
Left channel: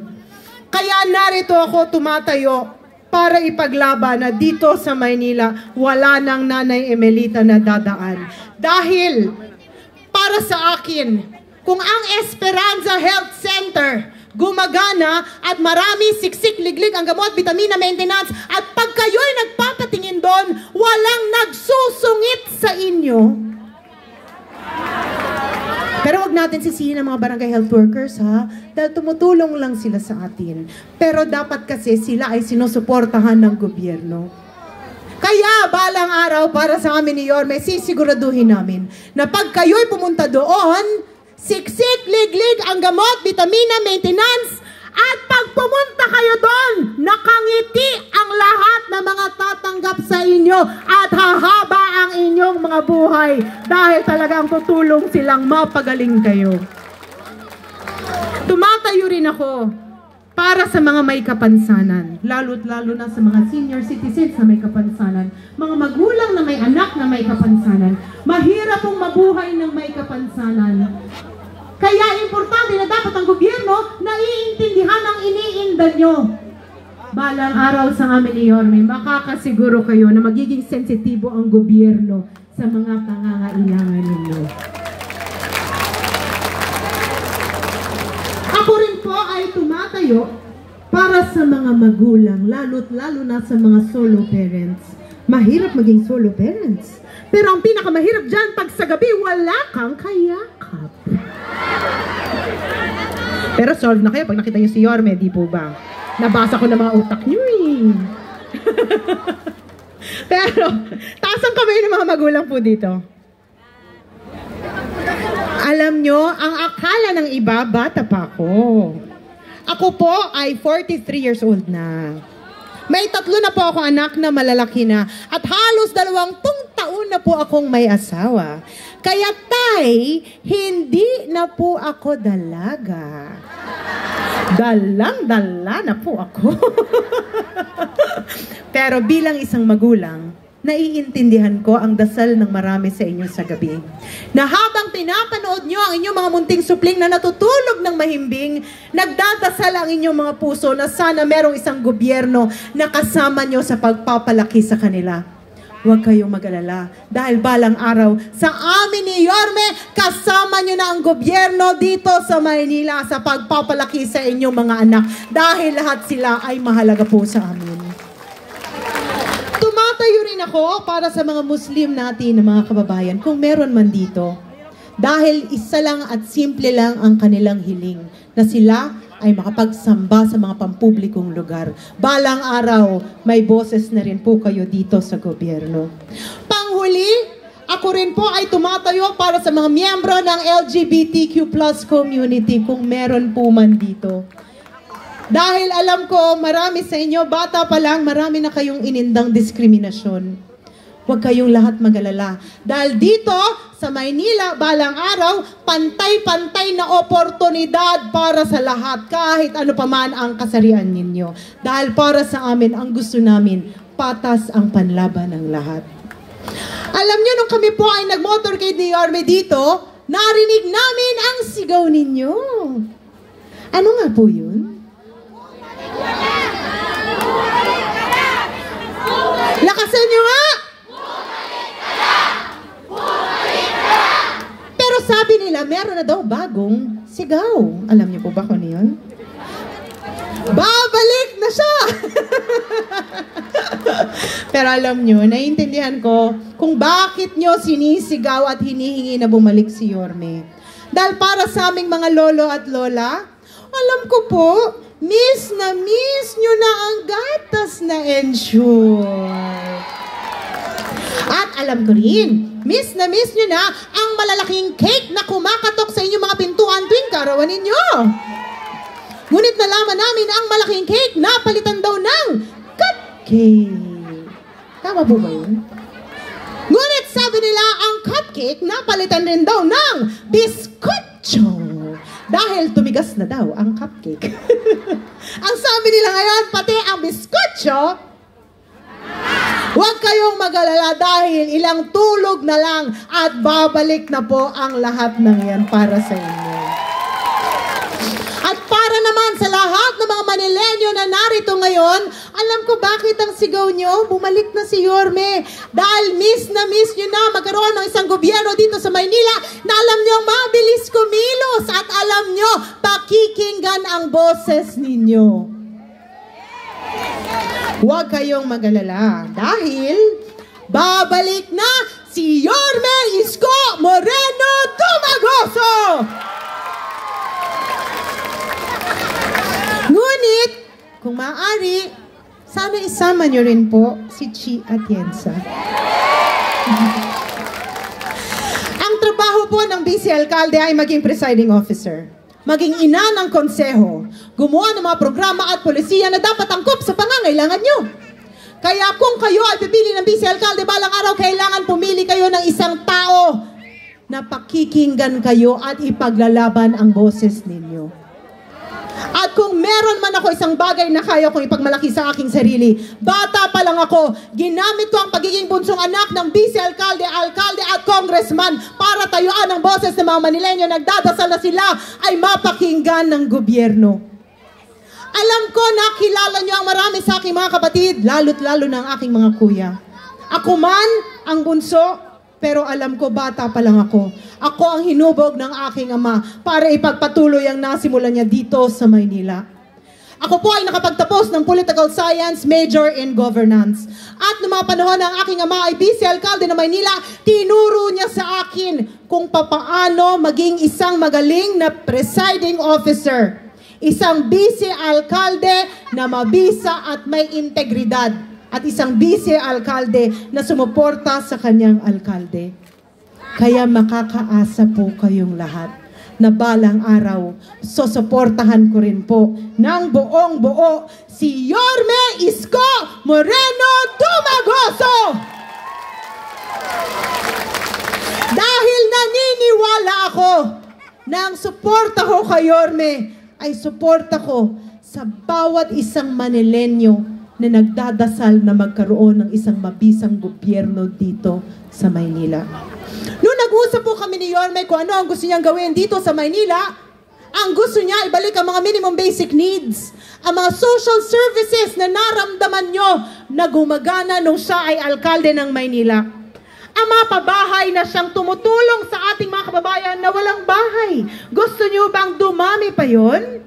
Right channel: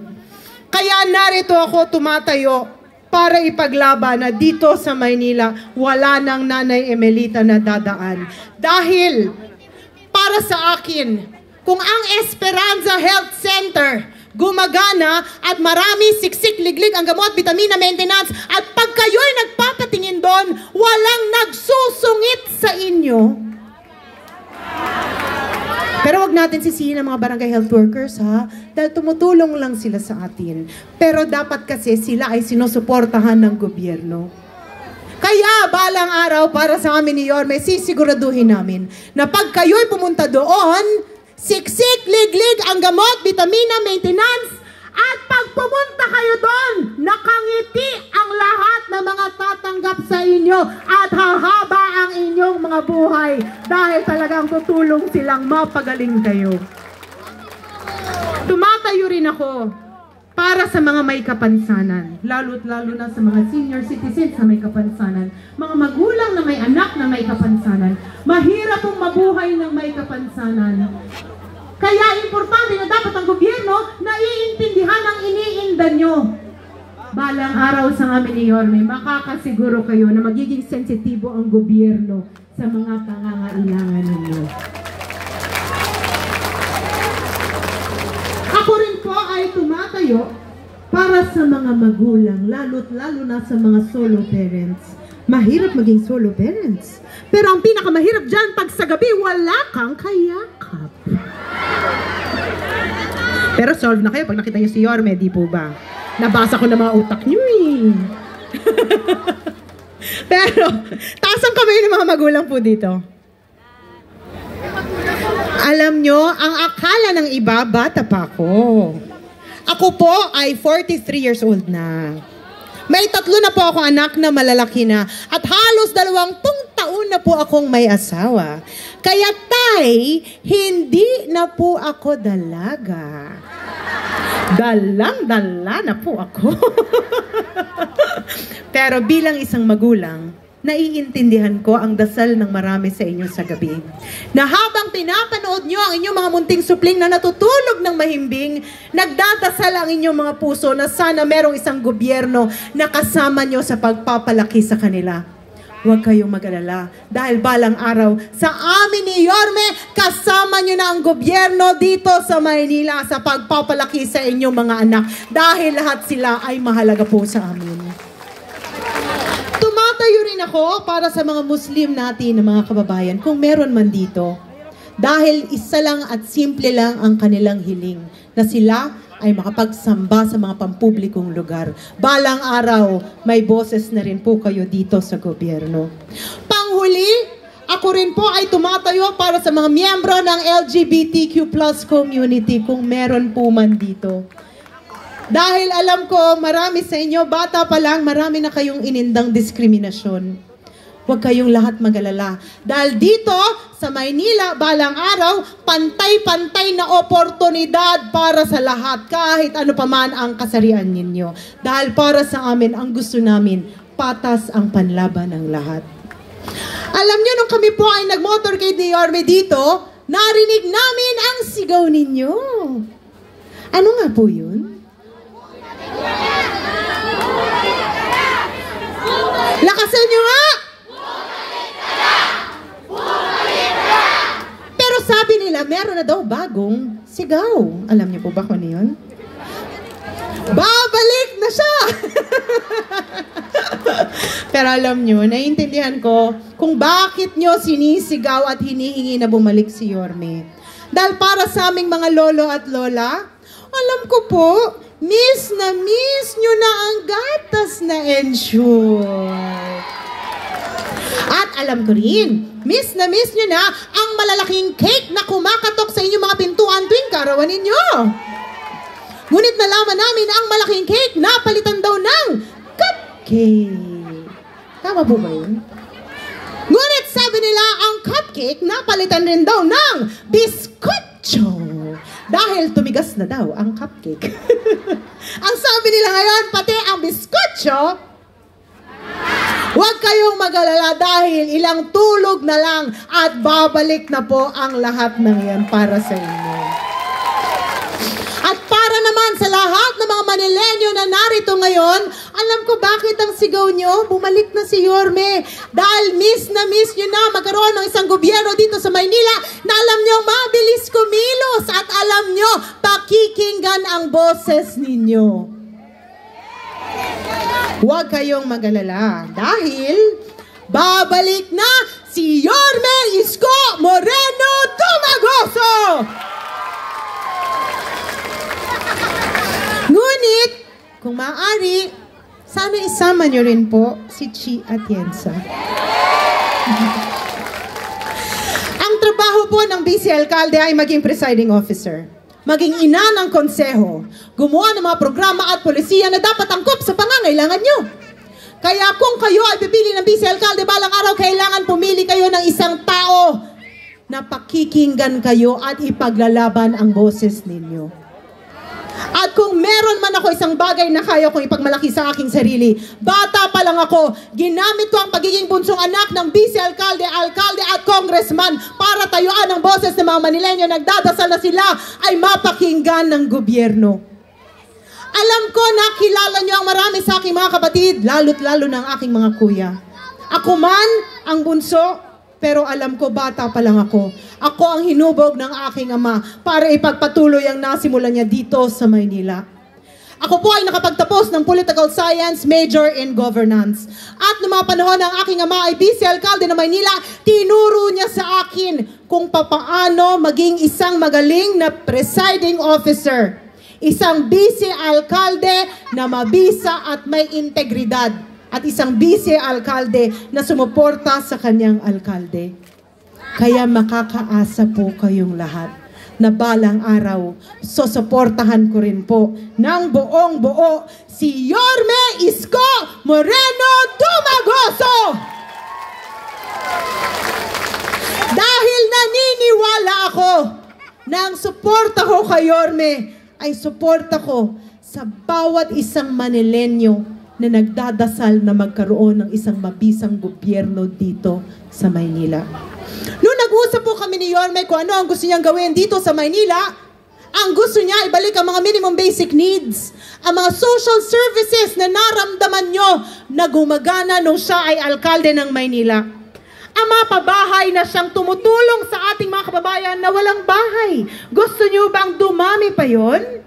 Kaya narito ako tumatayo para ipaglaban na dito sa Maynila, wala nang Nanay Emelita na dadaan. Dahil para sa akin, kung ang Esperanza Health Center gumagana at marami siksik-liglig ang gamot, vitamina, maintenance, at pag kayo'y nagpapatingin doon, walang nagsusungit sa inyo. Pero wag natin sisihin ang mga barangay health workers, ha? Dahil tumutulong lang sila sa atin. Pero dapat kasi sila ay sinusuportahan ng gobyerno. Kaya balang araw para sa amin ni Yorme, sisiguraduhin namin na pag kayo'y pumunta doon, siksik, liglig ang gamot, vitamina, maintenance, at pag pumunta kayo doon, nakangiti ang lahat ng mga tatanggap sa inyo at hahaba ang inyong mga buhay dahil talagang tutulong silang mapagaling kayo. Tumatayo rin ako para sa mga may kapansanan, lalo't lalo na sa mga senior citizens na may kapansanan, mga magulang na may anak na may kapansanan. Mahirap pong mabuhay ng may kapansanan. Kaya importante na dapat ang gobyerno na iintindihan ang iniinda nyo. Balang araw sa amin ni Yorme, makakasiguro kayo na magiging sensitibo ang gobyerno sa mga pangangailangan ninyo. Ako rin po ay tumatayo para sa mga magulang, lalo na sa mga solo parents. Mahirap maging solo parents. Pero ang pinakamahirap dyan, pag sa gabi, wala kang kayakap. Pero solve na kayo pag nakita nyo si Yorme, di po ba? Nabasa ko na mga utak nyo eh. Pero, taas ang kamay ng mga magulang po dito. Alam nyo, ang akala ng iba, bata pa ako. Ako po ay 43 years old na. May 3 na po akong anak na malalaki na at halos 20 taon na po akong may asawa. Kaya tay, hindi na po ako dalaga. Dalang-dala na po ako. Pero bilang isang magulang, naiintindihan ko ang dasal ng marami sa inyo sa gabi. Na habang pinapanood nyo ang inyong mga munting supling na natutulog ng mahimbing, nagdadasal ang inyong mga puso na sana merong isang gobyerno na kasama nyo sa pagpapalaki sa kanila. Huwag kayong mag-alala dahil balang araw sa amin ni Yorme, kasama nyo na ang gobyerno dito sa Maynila sa pagpapalaki sa inyong mga anak dahil lahat sila ay mahalaga po sa amin. Tumatayo rin ako para sa mga Muslim natin na mga kababayan, kung meron man dito. Dahil isa lang at simple lang ang kanilang hiling, na sila ay makapagsamba sa mga pampublikong lugar. Balang araw, may boses na rin po kayo dito sa gobyerno. Panghuli, ako rin po ay tumatayo para sa mga miyembro ng LGBTQ+ community, kung meron po man dito. Dahil alam ko, marami sa inyo, bata pa lang, marami na kayong inindang diskriminasyon. Huwag kayong lahat mag-alala. Dahil dito, sa Maynila, balang araw, pantay-pantay na oportunidad para sa lahat, kahit ano pa man ang kasarian ninyo. Dahil para sa amin, ang gusto namin, patas ang panlaban ng lahat. Alam nyo, nung kami po ay nag-motorcade ni Yorme dito, narinig namin ang sigaw ninyo. Ano nga po yun? Lakasan nyo nga! Pero sabi nila, meron na daw bagong sigaw. Alam niyo po ba kung ano yun? Babalik na siya! Pero alam nyo, naiintindihan ko kung bakit nyo sinisigaw at hinihingi na bumalik si Yorme. Dahil para sa aming mga lolo at lola, alam ko po, miss nyo na ang gatas na ensure. At alam ko rin, miss nyo na ang malalaking cake na kumakatok sa inyong mga pintuan tuwing karawan ninyo. Ngunit nalaman namin ang malaking cake na palitan daw ng cupcake. Tama po ba yun? Ngunit sabi nila ang cupcake na palitan rin daw ng biskotso. Dahil tumigas na daw ang cupcake. Ang sabi nila ngayon, pati ang biskotso, huwag kayong mag-alala dahil ilang tulog na lang at babalik na po ang lahat ng yan para sa inyo. At para naman sa lahat ng mga Manilenyo na narito ngayon, alam ko bakit ang sigaw nyo, bumalik na si Yorme. Dahil miss nyo na magkaroon ng isang gobyerno dito sa Maynila na alam nyo mabilis kumilos at alam nyo pakikinggan ang boses ninyo. Huwag kayong mag-alala dahil babalik na si Yorme Isko Moreno Tumagoso! Ngunit, kung maaari, sana isama nyo rin po si Chi Atienza. Ang trabaho po ng Vice Alcalde ay maging presiding officer, maging ina ng konseho, gumawa ng mga programa at polisiya na dapat angkop sa pangangailangan nyo. Kaya kung kayo ay pipili ng Vice Alcalde balang araw, kailangan pumili kayo ng isang tao na pakikinggan kayo at ipaglalaban ang boses ninyo. At kung meron man ako isang bagay na kaya kong ipagmalaki sa aking sarili, bata pa lang ako, ginamit ko ang pagiging bunsong anak ng Vice Alcalde, Alcalde at Congressman para tayuan ang boses ng mga Manilenyo. Nagdadasal na sila ay mapakinggan ng gobyerno. Alam ko na kilala niyo ang marami sa aking mga kapatid, lalo't lalo ng aking mga kuya. Ako man ang bunso, pero alam ko bata pa lang ako. Ako ang hinubog ng aking ama para ipagpatuloy ang nasimulan niya dito sa Maynila. Ako po ay nakapagtapos ng Political Science major in Governance. At noong mga panahon ng aking ama ay Vice Alcalde ng Maynila, tinuro niya sa akin kung papaano maging isang magaling na presiding officer. Isang Vice Alcalde na mabisa at may integridad. At isang Vice Alcalde na sumuporta sa kanyang alkalde. Kaya makakaasa po kayong lahat na balang araw, susuportahan ko rin po ng buong buo si Yorme Isko Moreno Dumagoso. Dahil naniniwala ako na ang suporta ko kay Yorme ay suporta ko sa bawat isang Manilenyo na nagdadasal na magkaroon ng isang mabisang gobyerno dito sa Maynila. Noong nag-usap po kami ni Yorme kung ano ang gusto niyang gawin dito sa Maynila, ang gusto niya ibalik ang mga minimum basic needs, ang mga social services na naramdaman nyo na gumagana nung siya ay alkalde ng Maynila. Ang mga pabahay na siyang tumutulong sa ating mga kababayan na walang bahay. Gusto niyo bang dumami pa yon?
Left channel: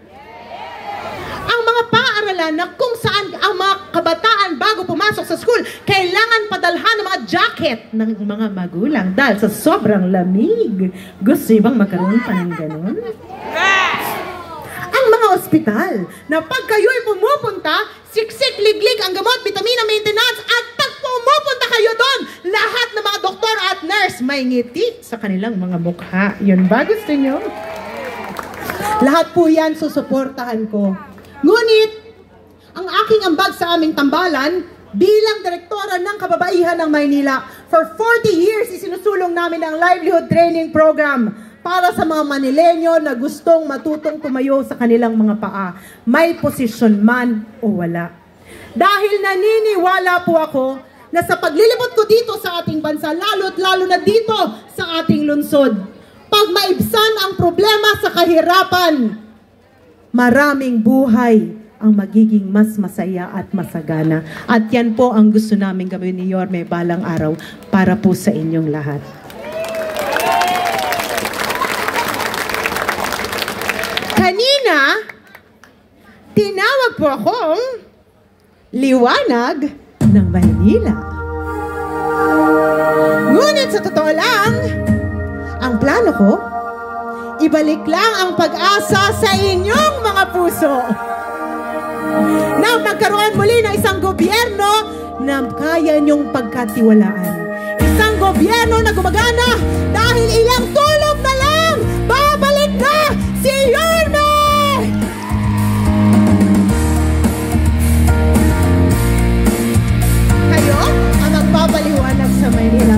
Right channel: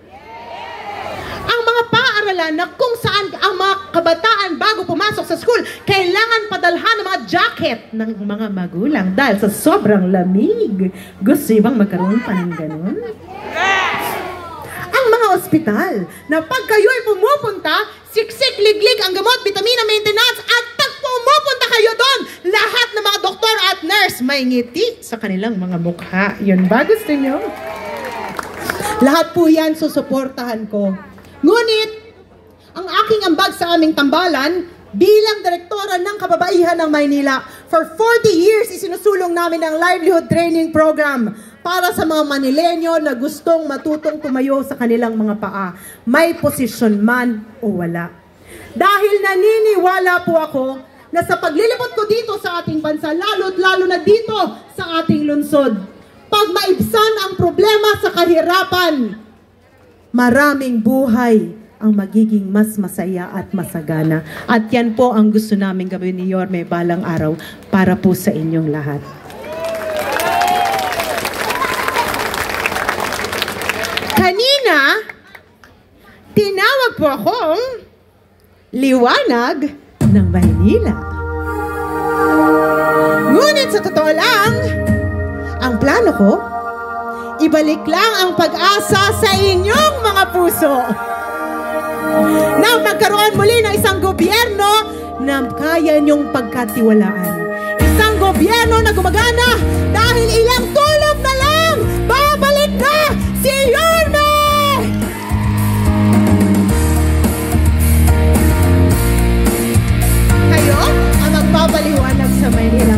Ang mga paaralan na kung saan ang mga kabataan bago pumasok sa school, kailangan padalhan ng mga jacket ng mga magulang dahil sa sobrang lamig. Gusto niyo bang magkaroon pa ng ganun? Ang mga ospital na pag kayo'y pumupunta, siksik, liglig ang gamot, vitamina maintenance, at pag pumupunta kayo doon, lahat ng mga doktor at nurse may ngiti sa kanilang mga mukha. Yun ba gusto niyo? Lahat po yan susuportahan ko. Ngunit, ang aking ambag sa aming tambalan, bilang direktora ng kababaihan ng Maynila, for 40 years isinusulong namin ang livelihood training program para sa mga Manilenyo na gustong matutong tumayo sa kanilang mga paa, may posisyon man o wala. Dahil naniniwala po ako na sa paglilibot ko dito sa ating bansa, lalo at lalo na dito sa ating lungsod, pag maibsan ang problema sa kahirapan, maraming buhay ang magiging mas masaya at masagana. At yan po ang gusto namin gawin ni Yorme balang araw para po sa inyong lahat. Kanina, tinawag po akong liwanag ng Maynila. Ngunit sa totoo lang, ang plano ko, ibalik lang ang pag-asa sa inyong mga puso. Nang magkaroon muli ng isang gobyerno na kaya niyong pagkatiwalaan. Isang gobyerno na gumagana dahil ilang tulog na lang, babalik na si Yorme! Kayo ang magpapaliwanag sa Maynila.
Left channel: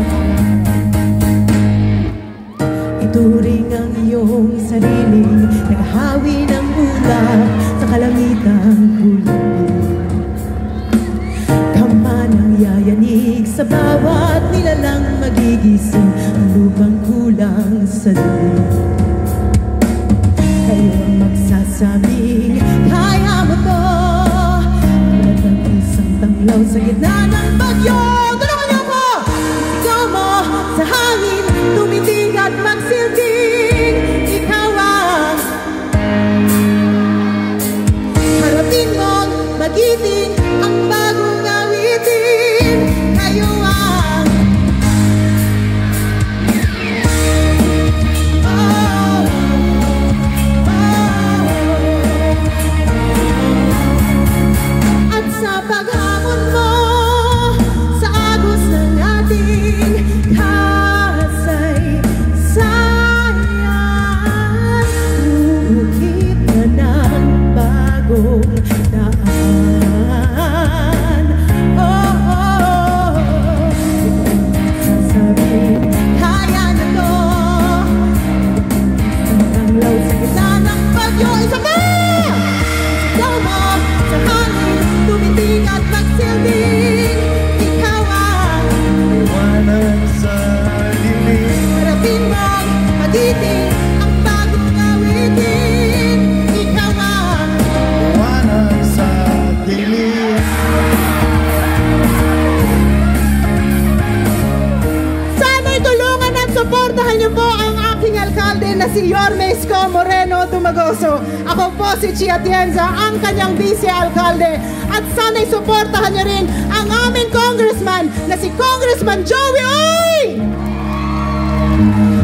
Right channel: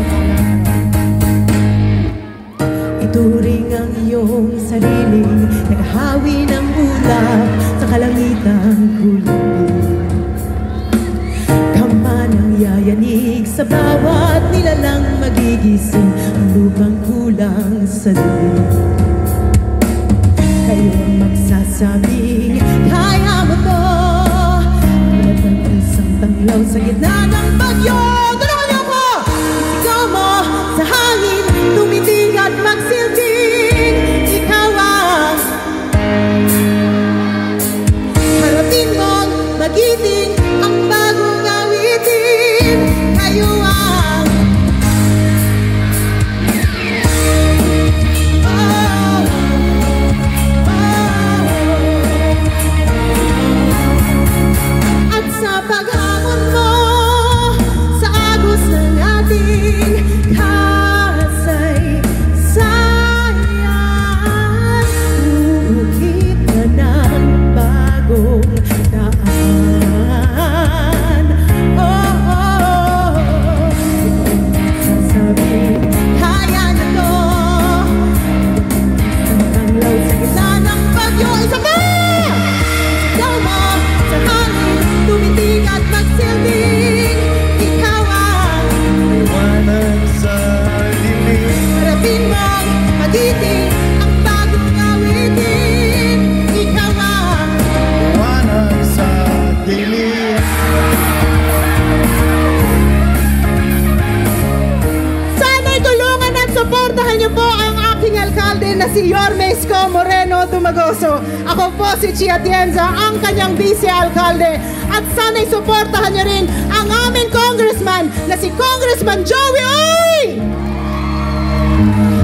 Ituring ang iyong sariling naghahawi ng ulan sa kalangitan kulong. Tama ng yayanig sa bawat nilalang magigising ang lubang kulang sa loob. Kayo ang magsasabing kaya mo to, wala kang isang tanglaw sa gitna ng bagyo. Tulungan niyo ako! Ikaw mo sa hangin, tumitig at magsilbing. Ikaw ang harating mo, magiting ang bagong awitin. Kayo ang at sa paghamon mo, na si Yorme Isko Moreno Dumagoso. Ako po si Chia Atienza, ang kanyang vice-alkalde. At sana'y suportahan niya rin ang aming congressman na si Congressman Joey Uy!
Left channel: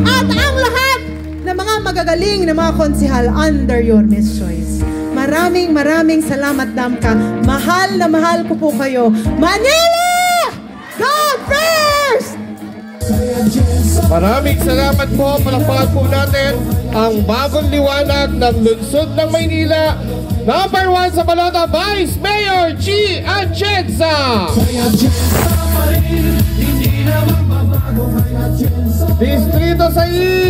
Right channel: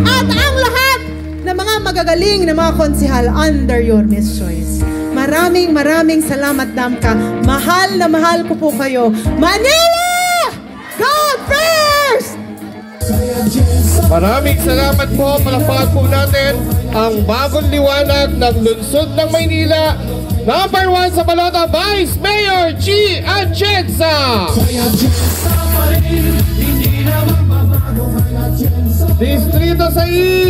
At ang lahat ng mga magagaling na mga konsehal under Yorme's choice. Maraming salamat, Damka. Mahal na mahal ko po kayo. Manila! God first! Maraming salamat po. Palakpakan po natin ang bagong liwanag ng lungsod ng Maynila. Number 1 sa balota, Vice Mayor G. Atienza. Distrito 6.